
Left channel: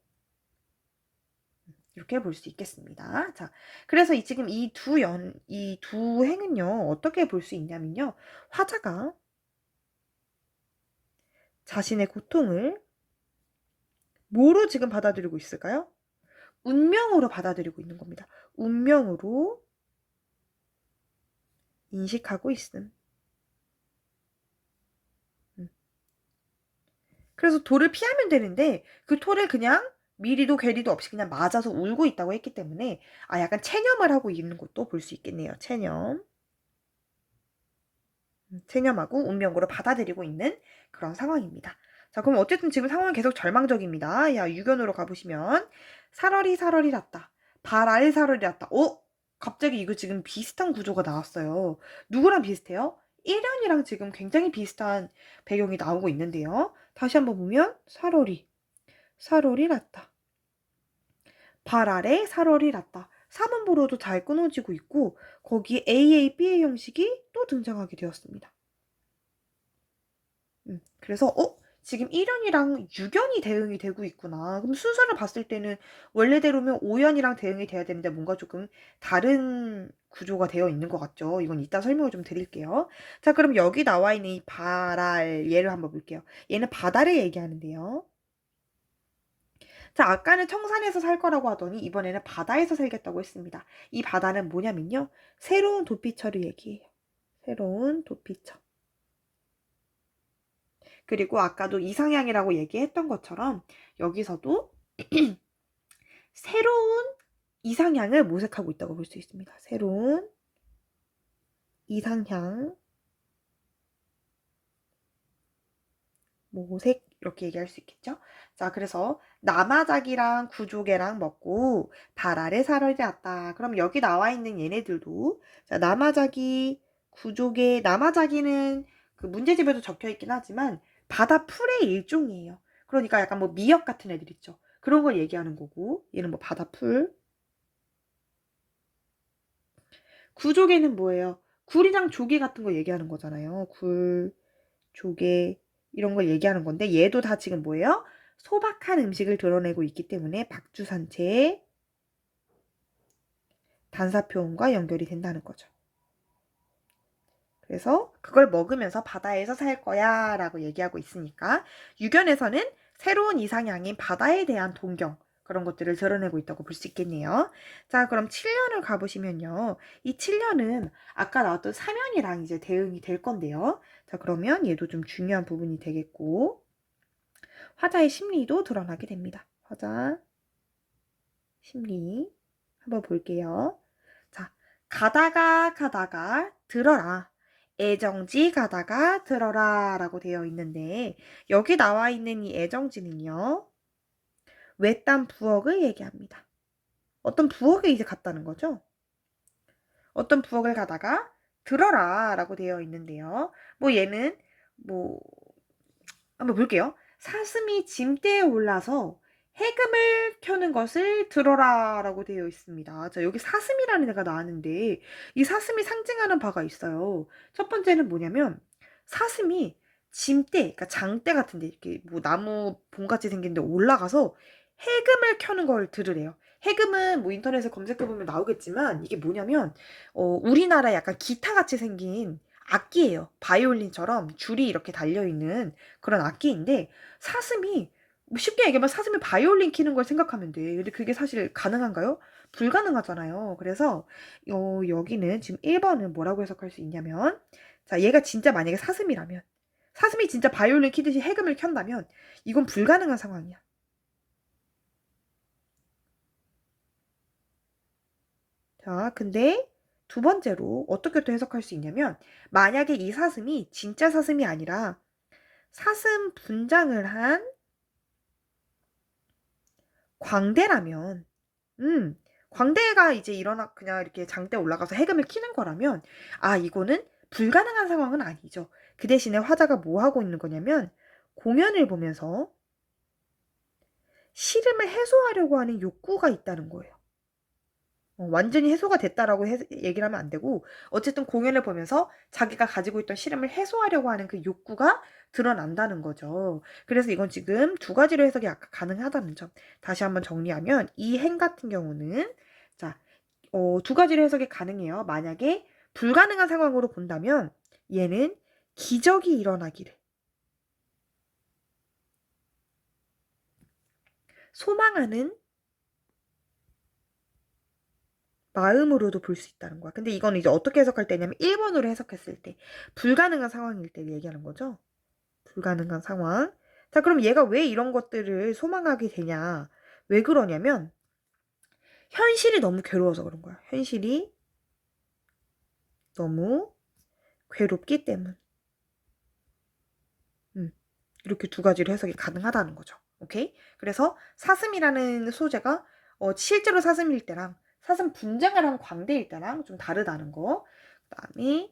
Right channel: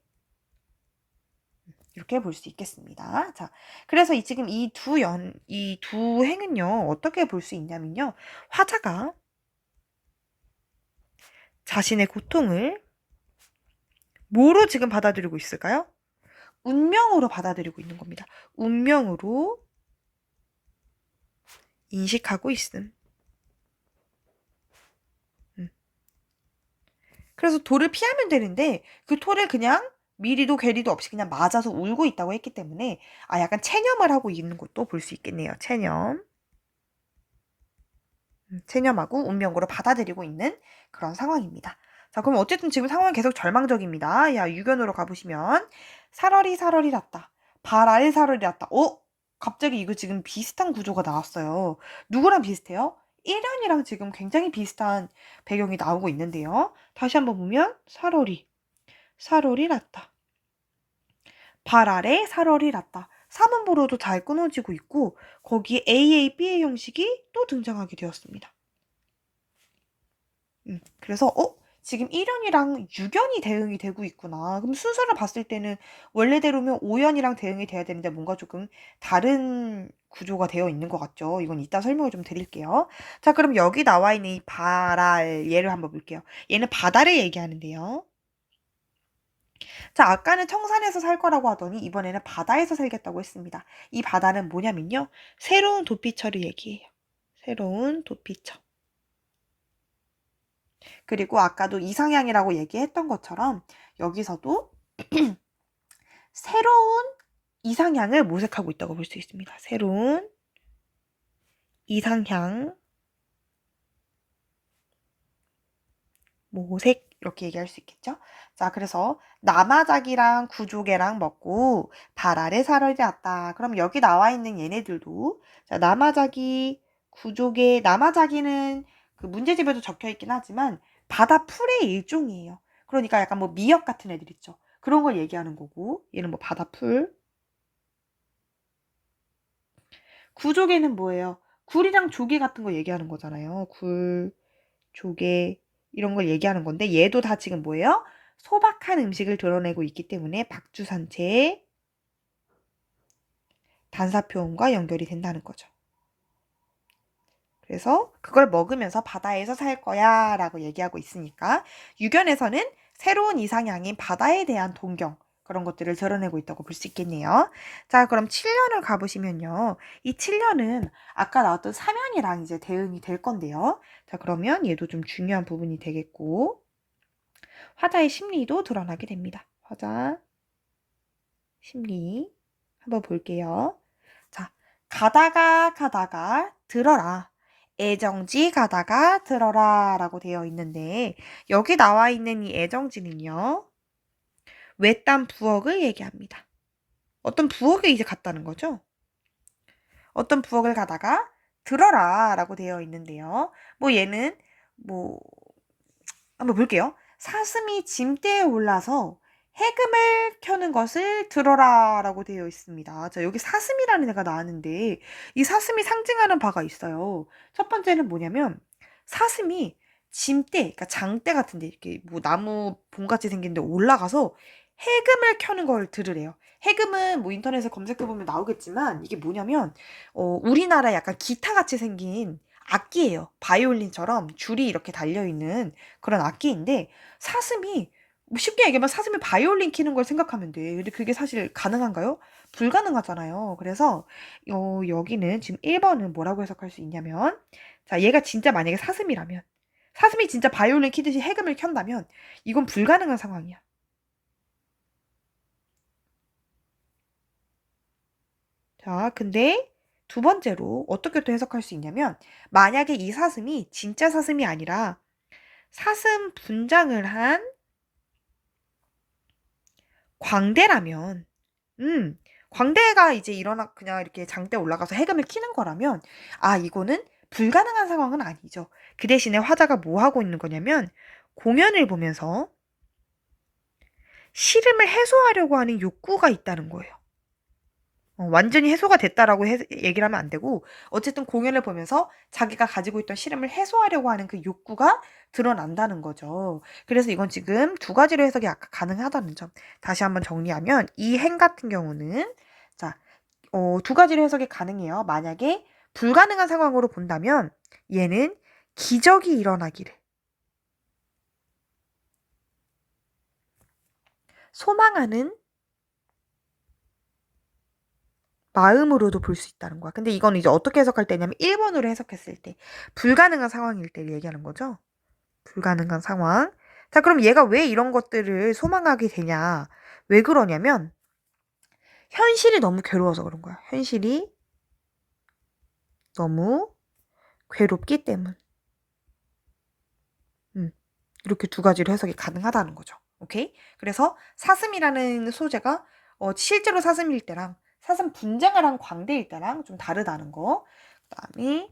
이렇게 볼 수 있겠습니다. 자, 그래서 지금 이 두 행은요, 어떻게 볼 수 있냐면요. 화자가 자신의 고통을 뭐로 지금 받아들이고 있을까요? 운명으로 받아들이고 있는 겁니다. 운명으로 인식하고 있음. 그래서 돌을 피하면 되는데 그 돌을 그냥 미리도 괴리도 없이 그냥 맞아서 울고 있다고 했기 때문에 약간 체념을 하고 있는 것도 볼 수 있겠네요. 체념. 체념하고 운명으로 받아들이고 있는 그런 상황입니다. 자, 그럼 어쨌든 지금 상황은 계속 절망적입니다. 야, 유견으로 가보시면 살얼이 살얼이 났다. 발 아래 살얼이 났다. 갑자기 이거 지금 비슷한 구조가 나왔어요. 누구랑 비슷해요? 1년이랑 지금 굉장히 비슷한 배경이 나오고 있는데요. 다시 한번 보면 살얼이 났다. 발 아래 살얼이 났다. 3음보로도 잘 끊어지고 있고 거기에 AA, BA 형식이 또 등장하게 되었습니다. 그래서 지금 1연이랑 6연이 대응이 되고 있구나. 그럼 순서를 봤을 때는 원래대로면 5연이랑 대응이 돼야 되는데 뭔가 조금 다른 구조가 되어 있는 것 같죠. 이건 이따 설명을 좀 드릴게요. 자, 그럼 여기 나와 있는 이 바랄 얘를 한번 볼게요. 얘는 바다를 얘기하는데요. 자, 아까는 청산에서 살 거라고 하더니 이번에는 바다에서 살겠다고 했습니다. 이 바다는 뭐냐면요. 새로운 도피처를 얘기해요. 새로운 도피처. 그리고 아까도 이상향이라고 얘기했던 것처럼 여기서도 새로운 이상향을 모색하고 있다고 볼 수 있습니다. 새로운 이상향 모색 이렇게 얘기할 수 있겠죠. 자, 그래서 남아작이랑 구조개랑 먹고 발 아래 살얼이 났다. 그럼 여기 나와 있는 얘네들도 자, 남아작이 구조개 남아작이는 그 문제집에도 적혀 있긴 하지만 바다 풀의 일종이에요. 그러니까 약간 뭐 미역 같은 애들 있죠. 그런 걸 얘기하는 거고 얘는 뭐 바다 풀. 구조개는 뭐예요? 굴이랑 조개 같은 거 얘기하는 거잖아요. 굴, 조개 이런 걸 얘기하는 건데 얘도 다 지금 뭐예요? 소박한 음식을 드러내고 있기 때문에 박주산채 단사표음과 연결이 된다는 거죠. 그래서 그걸 먹으면서 바다에서 살 거야 라고 얘기하고 있으니까 유견에서는 새로운 이상향인 바다에 대한 동경 그런 것들을 드러내고 있다고 볼 수 있겠네요. 자, 그럼 7년을 가보시면요. 이 7년은 아까 나왔던 사면이랑 이제 대응이 될 건데요. 자, 그러면 얘도 좀 중요한 부분이 되겠고 화자의 심리도 드러나게 됩니다. 화자 심리 한번 볼게요. 자, 가다가 들어라. 애정지 가다가 들어라 라고 되어 있는데 여기 나와 있는 이 애정지는요. 외딴 부엌을 얘기합니다. 어떤 부엌에 이제 갔다는 거죠. 어떤 부엌을 가다가 들어라 라고 되어 있는데요. 뭐 얘는 뭐 한번 볼게요. 사슴이 짐대에 올라서 해금을 켜는 것을 들어라 라고 되어 있습니다. 자, 여기 사슴이라는 애가 나왔는데 이 사슴이 상징하는 바가 있어요. 첫 번째는 뭐냐면 사슴이 짐대, 그러니까 장대 같은데 이렇게 뭐 나무 봉같이 생긴 데 올라가서 해금을 켜는 걸 들으래요. 해금은 뭐 인터넷에 검색해보면 나오겠지만 이게 뭐냐면 우리나라 약간 기타같이 생긴 악기예요. 바이올린처럼 줄이 이렇게 달려있는 그런 악기인데 사슴이 뭐 쉽게 얘기하면 사슴이 바이올린 키는 걸 생각하면 돼. 근데 그게 사실 가능한가요? 불가능하잖아요. 그래서 여기는 지금 1번은 뭐라고 해석할 수 있냐면, 자, 얘가 진짜 만약에 사슴이라면, 사슴이 진짜 바이올린 키듯이 해금을 켠다면 이건 불가능한 상황이야. 자, 근데 두 번째로 어떻게 또 해석할 수 있냐면, 만약에 이 사슴이 진짜 사슴이 아니라 사슴 분장을 한 광대라면, 광대가 이제 일어나 그냥 이렇게 장대 올라가서 해금을 키는 거라면, 아, 이거는 불가능한 상황은 아니죠. 그 대신에 화자가 뭐 하고 있는 거냐면, 공연을 보면서 시름을 해소하려고 하는 욕구가 있다는 거예요. 완전히 해소가 됐다라고 얘기를 하면 안 되고, 어쨌든 공연을 보면서 자기가 가지고 있던 시름을 해소하려고 하는 그 욕구가 드러난다는 거죠. 그래서 이건 지금 두 가지로 해석이 아까 가능하다는 점. 다시 한번 정리하면 이 행 같은 경우는, 자, 두 가지로 해석이 가능해요. 만약에 불가능한 상황으로 본다면 얘는 기적이 일어나기를 소망하는 마음으로도 볼 수 있다는 거야. 근데 이건 이제 어떻게 해석할 때냐면 1번으로 해석했을 때 불가능한 상황일 때 얘기하는 거죠. 불가능한 상황. 자, 그럼 얘가 왜 이런 것들을 소망하게 되냐? 왜 그러냐면 현실이 너무 괴로워서 그런 거야. 현실이 너무 괴롭기 때문. 이렇게 두 가지로 해석이 가능하다는 거죠. 오케이? 그래서 사슴이라는 소재가 실제로 사슴일 때랑 사슴 분장을 한 광대일 때랑 좀 다르다는 거. 그다음에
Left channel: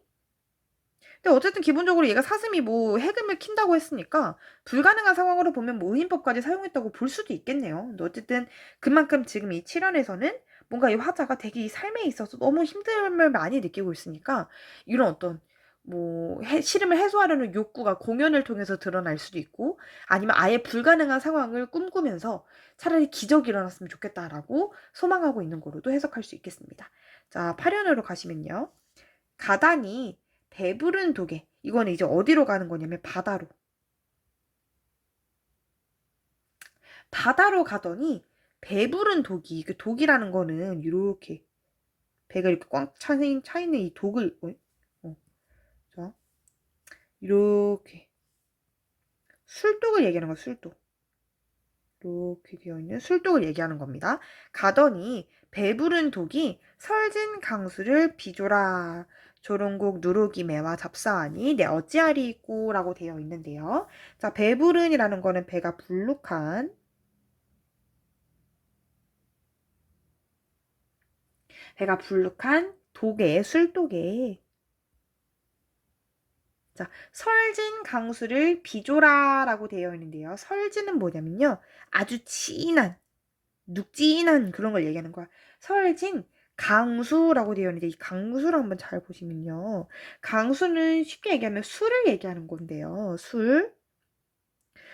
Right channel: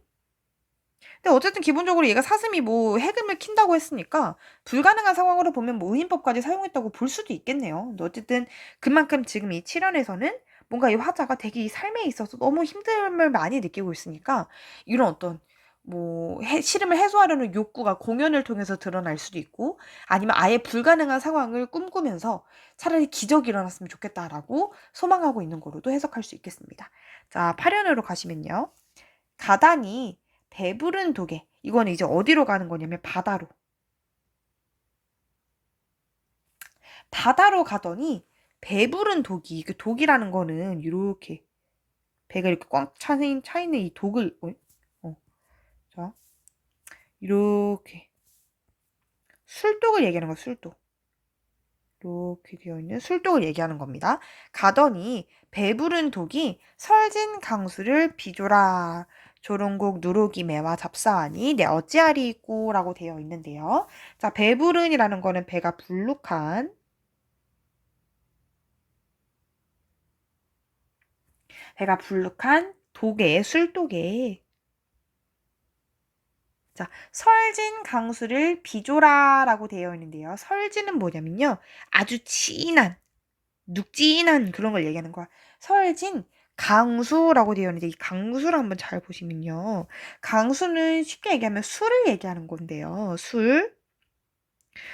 근데 어쨌든 기본적으로 얘가 사슴이 뭐 해금을 킨다고 했으니까 불가능한 상황으로 보면 뭐 의인법까지 사용했다고 볼 수도 있겠네요. 근데 어쨌든 그만큼 지금 이 7연에서는 뭔가 이 화자가 되게 이 삶에 있어서 너무 힘듦을 많이 느끼고 있으니까 이런 어떤 뭐 시름을 해소하려는 욕구가 공연을 통해서 드러날 수도 있고 아니면 아예 불가능한 상황을 꿈꾸면서 차라리 기적이 일어났으면 좋겠다라고 소망하고 있는 거로도 해석할 수 있겠습니다. 자, 8연으로 가시면요. 가단이 배부른 도개. 이거는 이제 어디로 가는 거냐면 바다로. 바다로 가더니 배부른 독이. 그 독이라는 거는 이렇게 배가 이렇게 꽉 차 있는 이 독을 자, 이렇게 술독을 얘기하는 거야. 술독. 이렇게 되어 있는 술독을 얘기하는 겁니다. 가더니 배부른 독이 설진 강수를 비조라. 조롱곡 누룩이 매와 잡사하니 내 어찌하리이꼬 라고 되어 있는데요. 자, 배부른이라는 거는 배가 불룩한 독에 술독에 자, 설진 강수를 비조라라고 되어 있는데요. 설진은 뭐냐면요. 아주 진한 눅진한 그런 걸 얘기하는 거야. 설진 강수라고 되어 있는데 이 강수를 한번 잘 보시면요. 강수는 쉽게 얘기하면 술을 얘기하는 건데요. 술.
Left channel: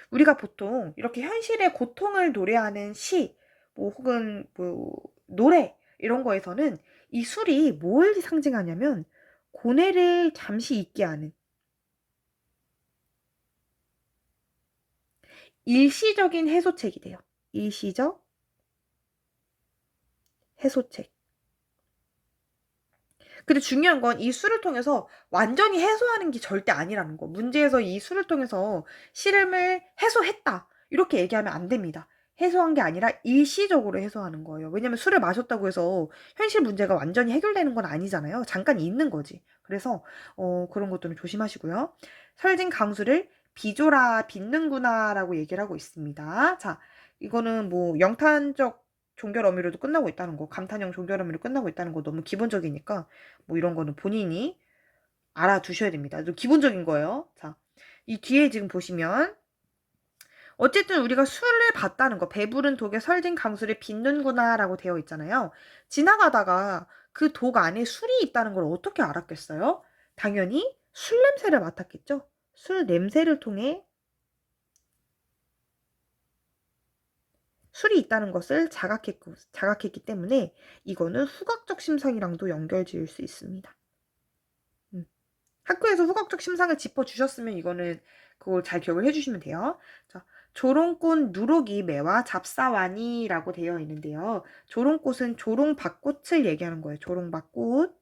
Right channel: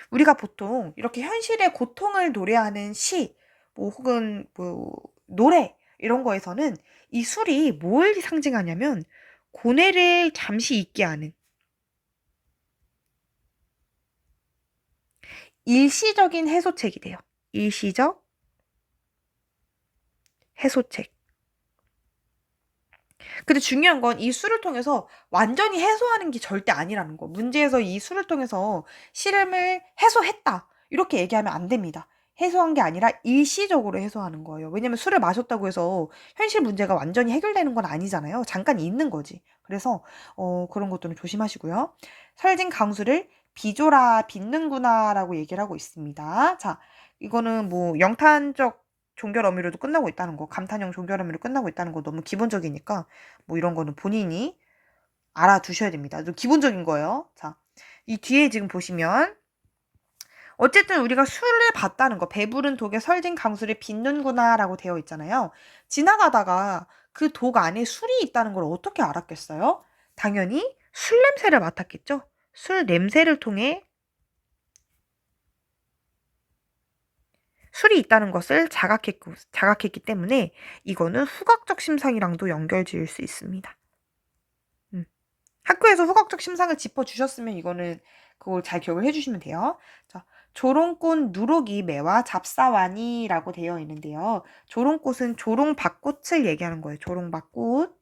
우리가 보통 이렇게 현실의 고통을 노래하는 시, 뭐 혹은 뭐 노래 이런 거에서는 이 술이 뭘 상징하냐면 고뇌를 잠시 잊게 하는 일시적인 해소책이 돼요. 일시적 해소책. 근데 중요한 건 이 술을 통해서 완전히 해소하는 게 절대 아니라는 거. 문제에서 이 술을 통해서 시름을 해소했다. 이렇게 얘기하면 안 됩니다. 해소한 게 아니라 일시적으로 해소하는 거예요. 왜냐면 술을 마셨다고 해서 현실 문제가 완전히 해결되는 건 아니잖아요. 잠깐 있는 거지. 그래서 그런 것들은 조심하시고요. 설진 강수를 비조라 빚는구나라고 얘기를 하고 있습니다. 자, 이거는 뭐 영탄적 종결 어미로도 끝나고 있다는 거, 감탄형 종결 어미로 끝나고 있다는 거 너무 기본적이니까 뭐 이런 거는 본인이 알아두셔야 됩니다. 좀 기본적인 거예요. 자, 이 뒤에 지금 보시면 어쨌든 우리가 술을 봤다는 거, 배부른 독에 설진 강수를 빚는구나라고 되어 있잖아요. 지나가다가 그 독 안에 술이 있다는 걸 어떻게 알았겠어요? 당연히 술 냄새를 맡았겠죠. 술 냄새를 통해 술이 있다는 것을 자각했기 때문에 이거는 후각적 심상이랑도 연결 지을 수 있습니다. 학교에서 후각적 심상을 짚어주셨으면 이거는 그걸 잘 기억을 해주시면 돼요. 자, 조롱꽃 누룩이 매와 잡사와니라고 되어 있는데요. 조롱꽃은 조롱박꽃을 얘기하는 거예요. 조롱박꽃.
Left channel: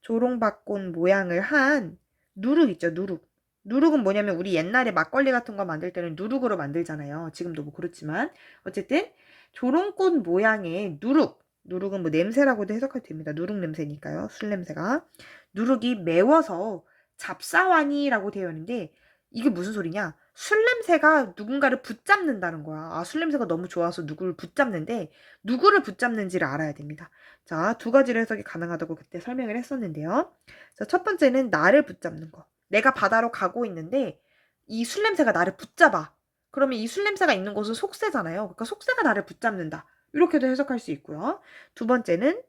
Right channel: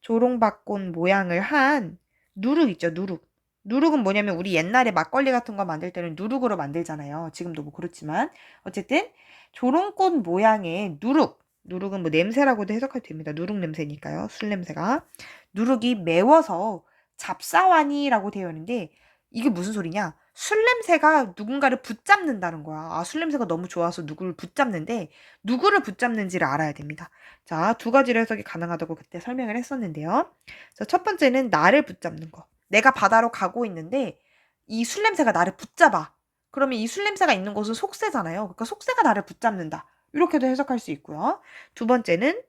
조롱박꽃 모양을 한 누룩 있죠, 누룩. 누룩은 뭐냐면 우리 옛날에 막걸리 같은 거 만들 때는 누룩으로 만들잖아요. 지금도 뭐 그렇지만 어쨌든 조롱꽃 모양의 누룩. 누룩은 뭐 냄새라고도 해석해도 됩니다. 누룩 냄새니까요. 술 냄새가. 누룩이 매워서 잡사와니라고 되어 있는데 이게 무슨 소리냐? 술 냄새가 누군가를 붙잡는다는 거야. 아, 술 냄새가 너무 좋아서 누구를 붙잡는데 누구를 붙잡는지를 알아야 됩니다. 자, 두 가지로 해석이 가능하다고 그때 설명을 했었는데요. 자, 첫 번째는 나를 붙잡는 거. 내가 바다로 가고 있는데 이 술 냄새가 나를 붙잡아. 그러면 이 술 냄새가 있는 곳은 속세잖아요. 그러니까 속세가 나를 붙잡는다. 이렇게도 해석할 수 있고요. 두 번째는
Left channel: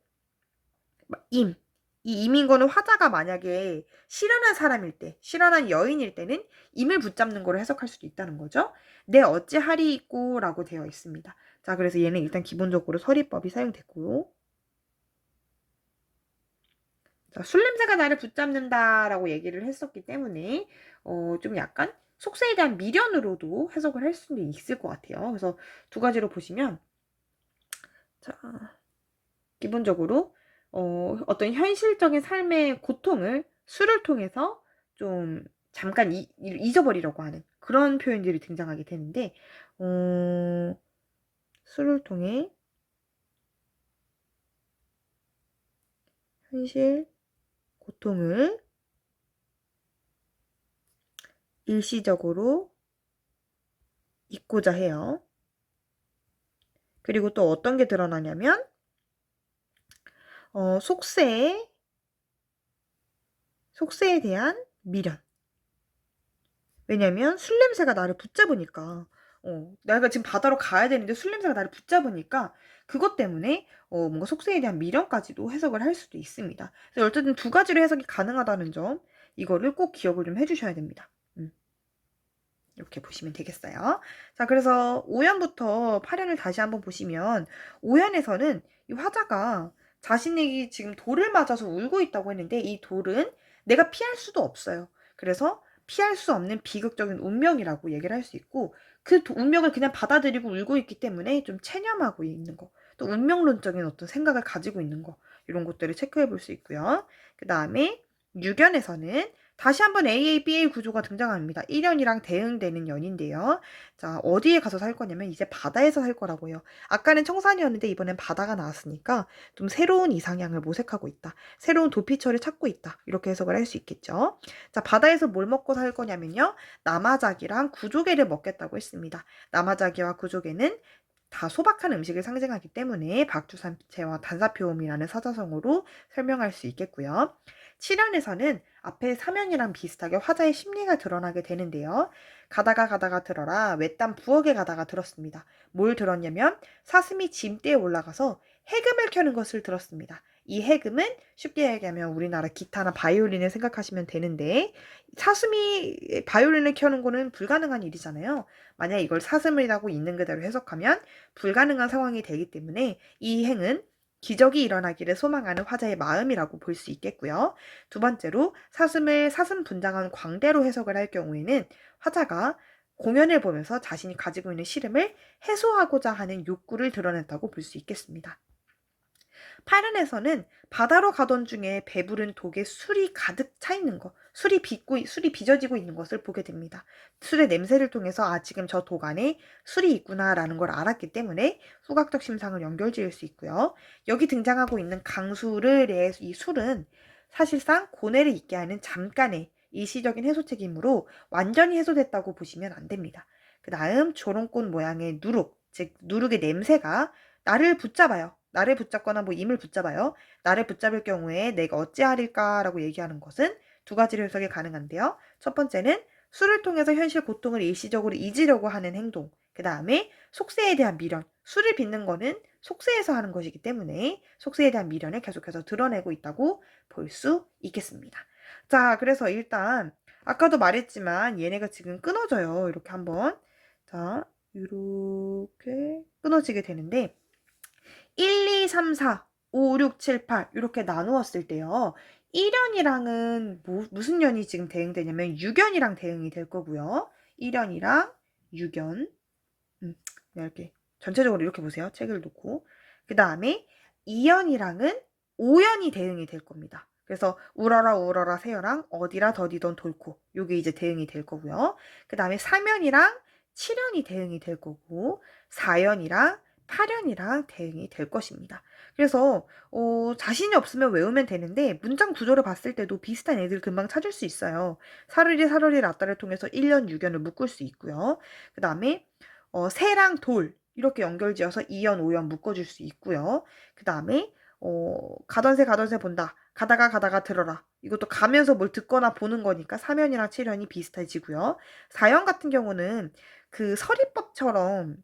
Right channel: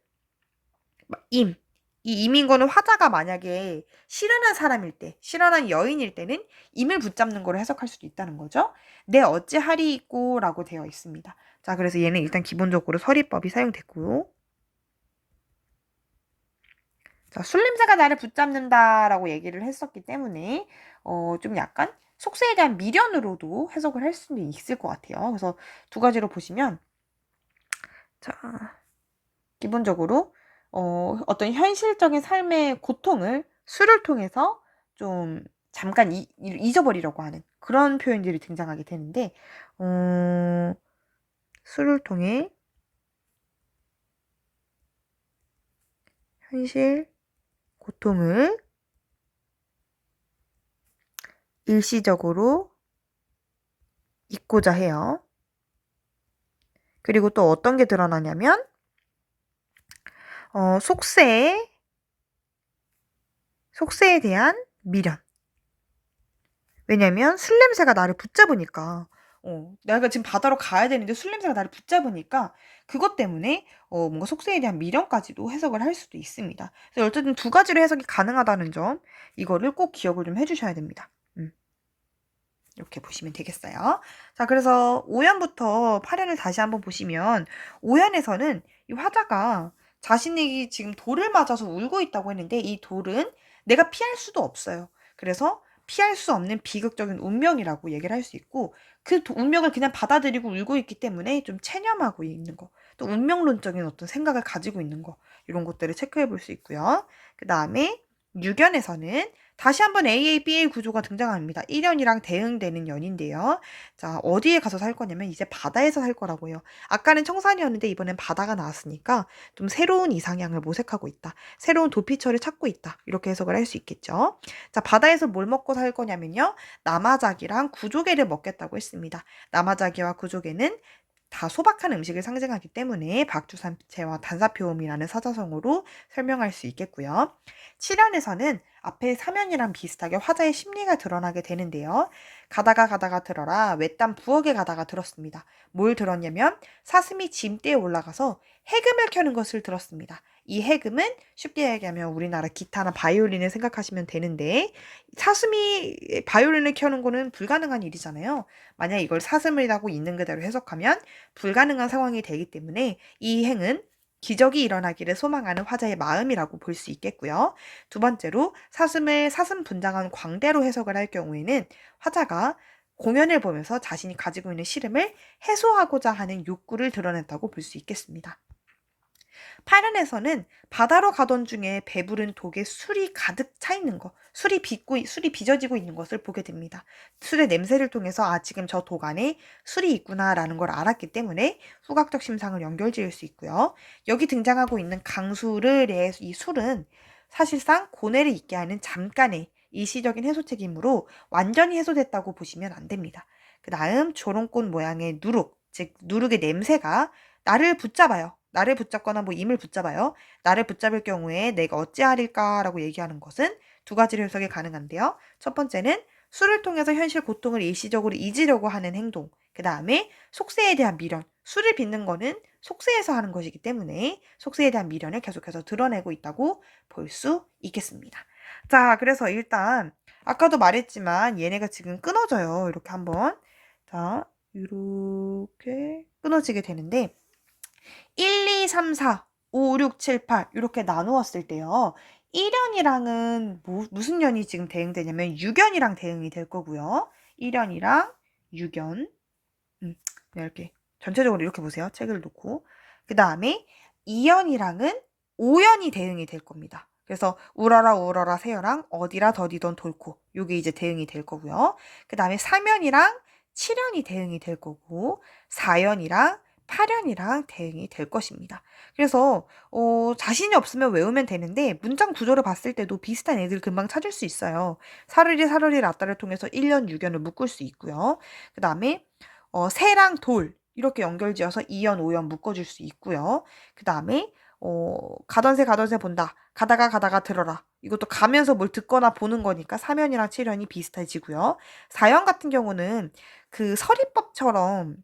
임. 이 임인 거는 화자가 만약에 실현한 사람일 때, 실현한 여인일 때는 임을 붙잡는 거로 해석할 수도 있다는 거죠. 내 어찌하리꼬 라고 되어 있습니다. 자, 그래서 얘는 일단 기본적으로 서리법이 사용됐고요. 자, 술 냄새가 나를 붙잡는다라고 얘기를 했었기 때문에 좀 약간 속세에 대한 미련으로도 해석을 할 수는 있을 것 같아요. 그래서 두 가지로 보시면 자, 기본적으로 어떤 현실적인 삶의 고통을 술을 통해서 좀 잠깐 잊어버리려고 하는 그런 표현들이 등장하게 되는데 술을 통해 현실 고통을 일시적으로 잊고자 해요. 그리고 또 어떤 게 드러나냐면 속세에 대한 미련. 왜냐면 술 냄새가 나를 붙잡으니까 내가 지금 바다로 가야 되는데 술 냄새가 나를 붙잡으니까 그것 때문에 뭔가 속세에 대한 미련까지도 해석을 할 수도 있습니다. 그래서 어쨌든 두 가지로 해석이 가능하다는 점 이거를 꼭 기억을 좀 해주셔야 됩니다. 이렇게 보시면 되겠어요. 자, 그래서 5연부터 8연을 다시 한번 보시면 5연에서는 이 화자가 자신이 지금 돌을 맞아서 울고 있다고 했는데 이 돌은 내가 피할 수도 없어요. 그래서 피할 수 없는 비극적인 운명이라고 얘기를 할 수 있고 그 운명을 그냥 받아들이고 울고 있기 때문에 좀 체념하고 있는 거. 또 운명론적인 어떤 생각을 가지고 있는 거. 이런 것들을 체크해 볼 수 있고요. 그 다음에 6연에서는 다시 한번 AABA 구조가 등장합니다. 1연이랑 대응되는 연인데요. 자, 어디에 가서 살 거냐면 이제 바다에서 살 거라고요. 아까는 청산이었는데 이번엔 바다가 나왔으니까 좀 새로운 이상향을 모색하고 있다. 새로운 도피처를 찾고 있다. 이렇게 해석을 할 수 있겠죠. 자, 바다에서 뭘 먹고 살 거냐면요. 나마자기랑 구조개를 먹겠다고 했습니다. 나마자기와 구조개는 다 소박한 음식을 상징하기 때문에 박주산채와 단사표음이라는 사자성어로 설명할 수 있겠고요. 7연에서는 앞에 3연이랑 비슷하게 화자의 심리가 드러나게 되는데요. 가다가 들어라 외딴 부엌에 가다가 들었습니다. 뭘 들었냐면 사슴이 짐대에 올라가서 해금을 켜는 것을 들었습니다. 이 해금은 쉽게 얘기하면 우리나라 기타나 바이올린을 생각하시면 되는데 사슴이 바이올린을 켜는 거는 불가능한 일이잖아요. 만약 이걸 사슴이라고 있는 그대로 해석하면 불가능한 상황이 되기 때문에 이 행은 기적이 일어나기를 소망하는 화자의 마음이라고 볼 수 있겠고요. 두 번째로 사슴을 사슴 분장한 광대로 해석을 할 경우에는 화자가 공연을 보면서 자신이 가지고 있는 시름을 해소하고자 하는 욕구를 드러냈다고 볼 수 있겠습니다. 8연에서는 바다로 가던 중에 배부른 독에 술이 가득 차 있는 것, 술이 빚어지고 있는 것을 보게 됩니다. 술의 냄새를 통해서 아, 지금 저 독 안에 술이 있구나라는 걸 알았기 때문에 후각적 심상을 연결지을 수 있고요. 여기 등장하고 있는 강술의 이 술은 사실상 고뇌를 잊게 하는 잠깐의 일시적인 해소책이므로 완전히 해소됐다고 보시면 안 됩니다. 그 다음 조롱꽃 모양의 누룩, 즉 누룩의 냄새가 나를 붙잡아요. 나를 붙잡거나 뭐 임을 붙잡아요. 나를 붙잡을 경우에 내가 어찌하릴까라고 얘기하는 것은 두 가지로 해석이 가능한데요. 첫 번째는 술을 통해서 현실 고통을 일시적으로 잊으려고 하는 행동. 그 다음에 속세에 대한 미련. 술을 빚는 거는 속세에서 하는 것이기 때문에 속세에 대한 미련을 계속해서 드러내고 있다고 볼 수 있겠습니다. 자, 그래서 일단 아까도 말했지만 얘네가 지금 끊어져요. 이렇게 한번. 자, 이렇게 끊어지게 되는데 1, 2, 3, 4, 5, 6, 7, 8 이렇게 나누었을 때요. 1연이랑은 무슨 연이 지금 대응되냐면 6연이랑 대응이 될 거고요. 1연이랑 6연. 네, 이렇게 전체적으로 이렇게 보세요. 책을 놓고. 그 다음에 2연이랑은 5연이 대응이 될 겁니다. 그래서 울어라 울어라 새여랑 어디라 더디던 돌코 요게 이제 대응이 될 거고요. 그 다음에 3연이랑 7연이 대응이 될 거고 4연이랑 8연이랑 대응이 될 것입니다. 그래서 자신이 없으면 외우면 되는데 문장 구조를 봤을 때도 비슷한 애들 금방 찾을 수 있어요. 사르리 사르리 라따를 통해서 1연 6연을 묶을 수 있고요. 그 다음에 새랑 돌 이렇게 연결지어서 2연 5연 묶어줄 수 있고요. 그 다음에 가던 새 본다. 가다가 가다가 들어라. 이것도 가면서 뭘 듣거나 보는 거니까 3연이랑 7연이 비슷해지고요. 4연 같은 경우는 그 서리법처럼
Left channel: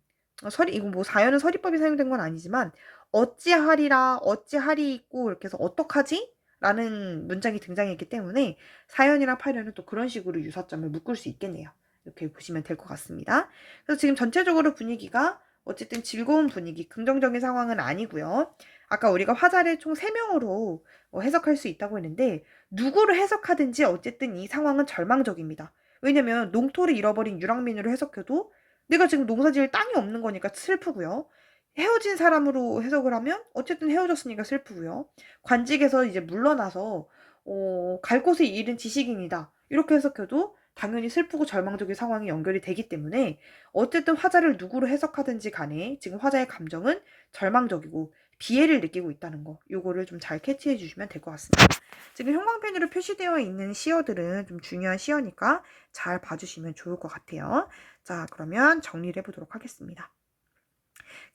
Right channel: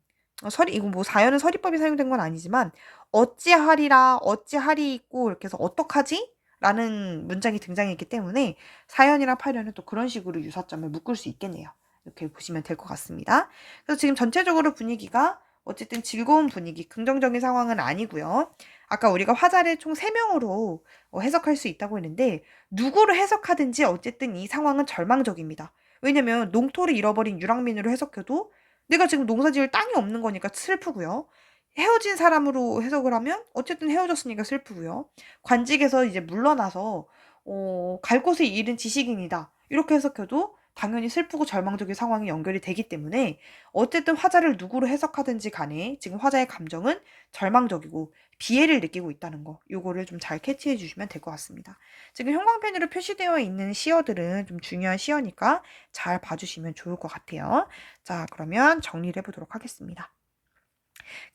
이거 뭐 4연은 서리법이 사용된 건 아니지만 어찌하리라 어찌하리 있고 이렇게 해서 어떡하지? 라는 문장이 등장했기 때문에 4연이랑 8연은 또 그런 식으로 유사점을 묶을 수 있겠네요. 이렇게 보시면 될 것 같습니다. 그래서 지금 전체적으로 분위기가 어쨌든 즐거운 분위기, 긍정적인 상황은 아니고요. 아까 우리가 화자를 총 3명으로 해석할 수 있다고 했는데 누구를 해석하든지 어쨌든 이 상황은 절망적입니다. 왜냐면 농토를 잃어버린 유랑민으로 해석해도 내가 지금 농사지을 땅이 없는 거니까 슬프고요. 헤어진 사람으로 해석을 하면 어쨌든 헤어졌으니까 슬프고요. 관직에서 이제 물러나서 갈 곳을 잃은 지식인이다. 이렇게 해석해도 당연히 슬프고 절망적인 상황이 연결이 되기 때문에 어쨌든 화자를 누구로 해석하든지 간에 지금 화자의 감정은 절망적이고 비애를 느끼고 있다는 거 요거를 좀 잘 캐치해 주시면 될 것 같습니다. 지금 형광펜으로 표시되어 있는 시어들은 좀 중요한 시어니까 잘 봐주시면 좋을 것 같아요. 자, 그러면 정리를 해보도록 하겠습니다.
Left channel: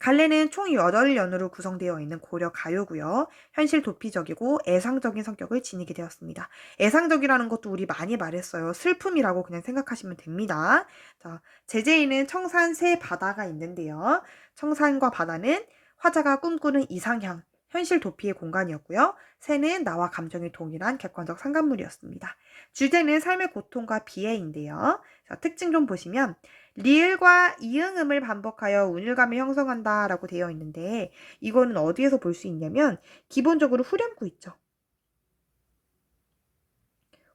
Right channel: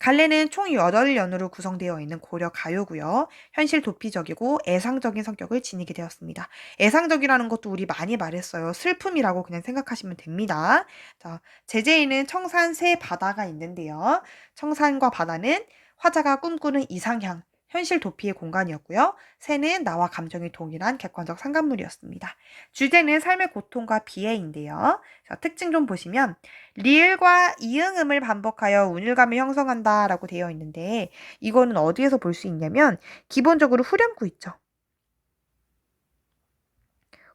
갈래는 총 8연으로 구성되어 있는 고려 가요고요. 현실 도피적이고 애상적인 성격을 지니게 되었습니다. 애상적이라는 것도 우리 많이 말했어요. 슬픔이라고 그냥 생각하시면 됩니다. 자, 제재에는 청산 새 바다가 있는데요. 청산과 바다는 화자가 꿈꾸는 이상향, 현실 도피의 공간이었고요. 새는 나와 감정이 동일한 객관적 상관물이었습니다. 주제는 삶의 고통과 비애인데요. 자, 특징 좀 보시면 리을과 이응음을 반복하여 운율감을 형성한다 라고 되어 있는데 이거는 어디에서 볼 수 있냐면 기본적으로 후렴구 있죠.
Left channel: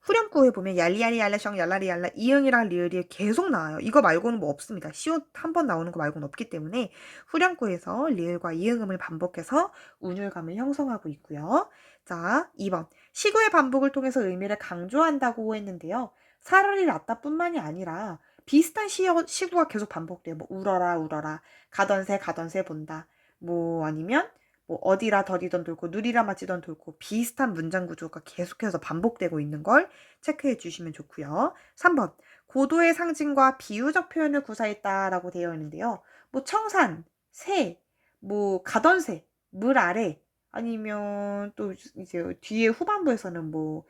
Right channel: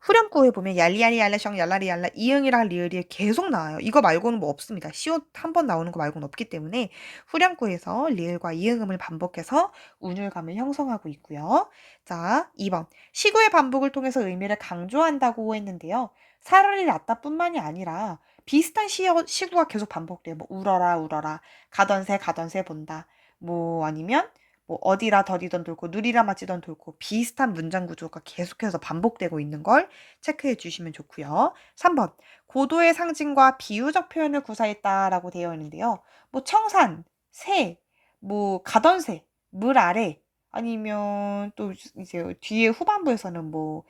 후렴구에 보면 얄리얄리 얄라셩 얄라리 얄라 이응이랑 리을이 계속 나와요. 이거 말고는 뭐 없습니다. 시옷 한 번 나오는 거 말고는 없기 때문에 후렴구에서 리을과 이응음을 반복해서 운율감을 형성하고 있고요. 자, 2번 시구의 반복을 통해서 의미를 강조한다고 했는데요. 사라리 라따뿐만이 아니라 비슷한 시구가 계속 반복돼요. 뭐 울어라 울어라 가던 새 본다. 뭐 아니면 뭐 어디라 더디던 돌고 누리라 맞지던 돌고 비슷한 문장 구조가 계속해서 반복되고 있는 걸 체크해 주시면 좋고요. 3번 고도의 상징과 비유적 표현을 구사했다라고 되어 있는데요. 뭐 청산, 새, 뭐 가던 새, 물 아래 아니면 또 이제 뒤에 후반부에서는 뭐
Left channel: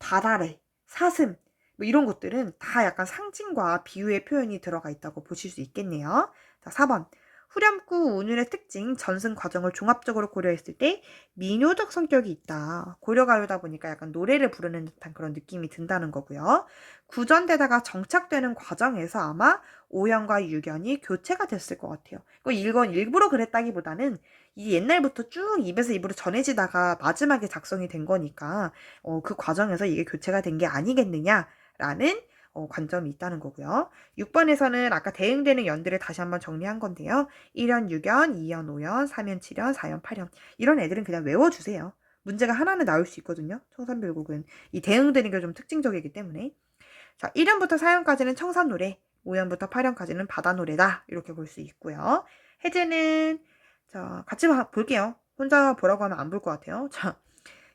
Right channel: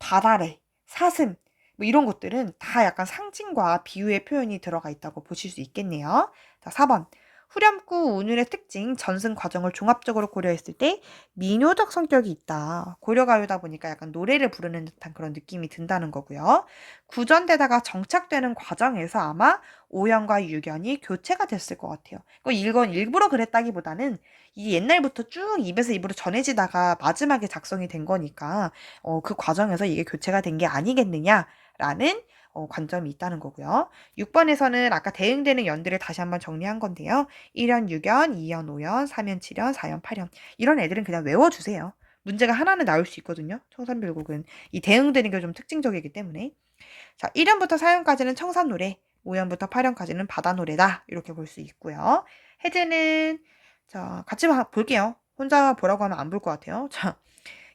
바다래, 사슴 뭐 이런 것들은 다 약간 상징과 비유의 표현이 들어가 있다고 보실 수 있겠네요. 자, 4번 후렴구 운율의 특징, 전승 과정을 종합적으로 고려했을 때 민요적 성격이 있다. 고려가요다 보니까 약간 노래를 부르는 듯한 그런 느낌이 든다는 거고요. 구전되다가 정착되는 과정에서 아마 오연과 유견이 교체가 됐을 것 같아요. 이건 일부러 그랬다기보다는 이 옛날부터 쭉 입에서 입으로 전해지다가 마지막에 작성이 된 거니까 그 과정에서 이게 교체가 된 게 아니겠느냐라는 관점이 있다는 거고요. 6번에서는 아까 대응되는 연들을 다시 한번 정리한 건데요. 1연 6연, 2연 5연, 3연 7연, 4연 8연 이런 애들은 그냥 외워주세요. 문제가 하나는 나올 수 있거든요. 청산별곡은 이 대응되는 게 좀 특징적이기 때문에 자 1연부터 4연까지는 청산노래 5연부터 8연까지는 바다노래다 이렇게 볼 수 있고요. 해제는 자 같이 볼게요. 혼자 보라고 하면 안 볼 것 같아요. 자,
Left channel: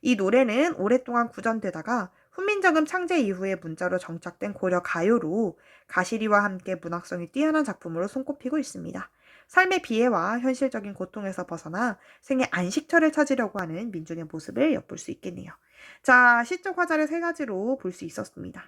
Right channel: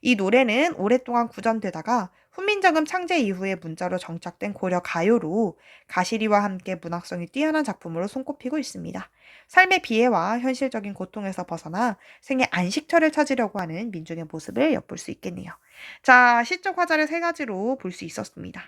이 노래는 오랫동안 구전되다가 훈민정음 창제 이후에 문자로 정착된 고려 가요로 가시리와 함께 문학성이 뛰어난 작품으로 손꼽히고 있습니다. 삶의 비애와 현실적인 고통에서 벗어나 생의 안식처를 찾으려고 하는 민중의 모습을 엿볼 수 있겠네요. 자, 시적 화자를 3가지로 볼 수 있었습니다.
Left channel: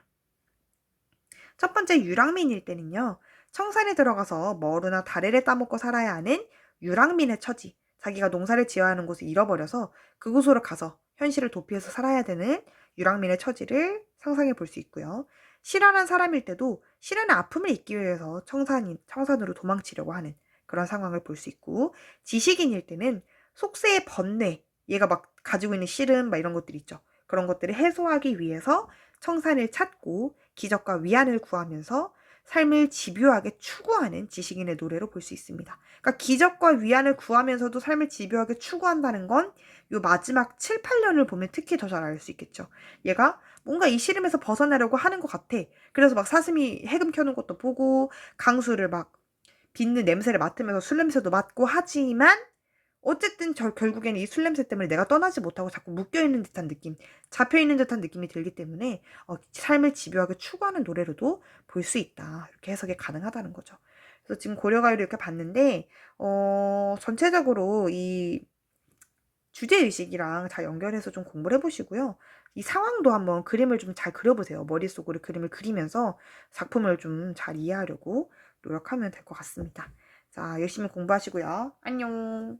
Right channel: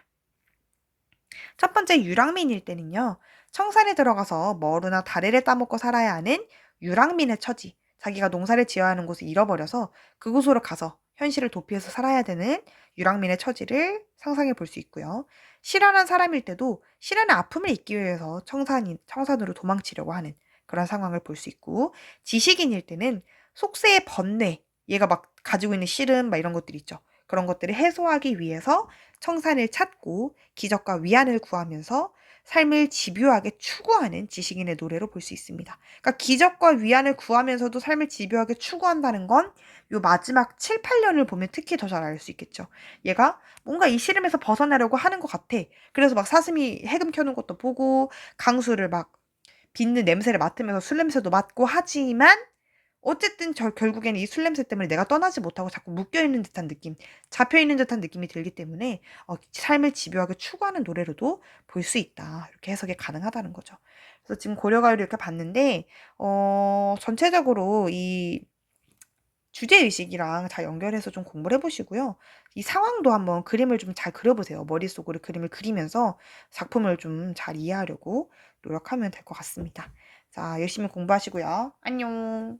첫 번째 유랑민일 때는요. 청산에 들어가서 머루나 다래를 따먹고 살아야 하는 유랑민의 처지. 자기가 농사를 지어야 하는 곳을 잃어버려서 그곳으로 가서 현실을 도피해서 살아야 되는 유랑민의 처지를 상상해 볼 수 있고요. 실현한 사람일 때도 실현의 아픔을 잊기 위해서 청산으로 도망치려고 하는 그런 상황을 볼 수 있고 지식인일 때는 속세의 번뇌, 얘가 막 가지고 있는 씨름 막 이런 것들 있죠. 그런 것들을 해소하기 위해서 청산을 찾고 기적과 위안을 구하면서 삶을 집요하게 추구하는 지식인의 노래로 볼 수 있습니다. 그러니까 기적과 위안을 구하면서도 삶을 집요하게 추구한다는 건 요 마지막 7, 8년을 보면 특히 더 잘 알 수 있겠죠. 얘가 뭔가 이 시름에서 벗어나려고 하는 것 같아. 그래서 막 사슴이 해금 켜는 것도 보고 강수를 막 빚는 냄새를 맡으면서 술 냄새도 맡고 하지만 어쨌든 결국에는 이 술 냄새 때문에 내가 떠나지 못하고 자꾸 묶여있는 듯한 느낌, 잡혀있는 듯한 느낌이 들기 때문에 삶을 집요하게 추구하는 노래로도 볼 수 있다. 이렇게 해석이 가능하다는 거죠. 그래서 지금 고려가요를 이렇게 봤는데 전체적으로 이 주제의식이랑 잘 연결해서 좀 공부를 해보시고요. 이 상황도 한번 그림을 좀 잘 그려보세요. 머릿속으로 그림을 그리면서 작품을 좀 잘 이해하려고 노력하면 될 것 같습니다. 자, 열심히 공부하시고요. 안녕.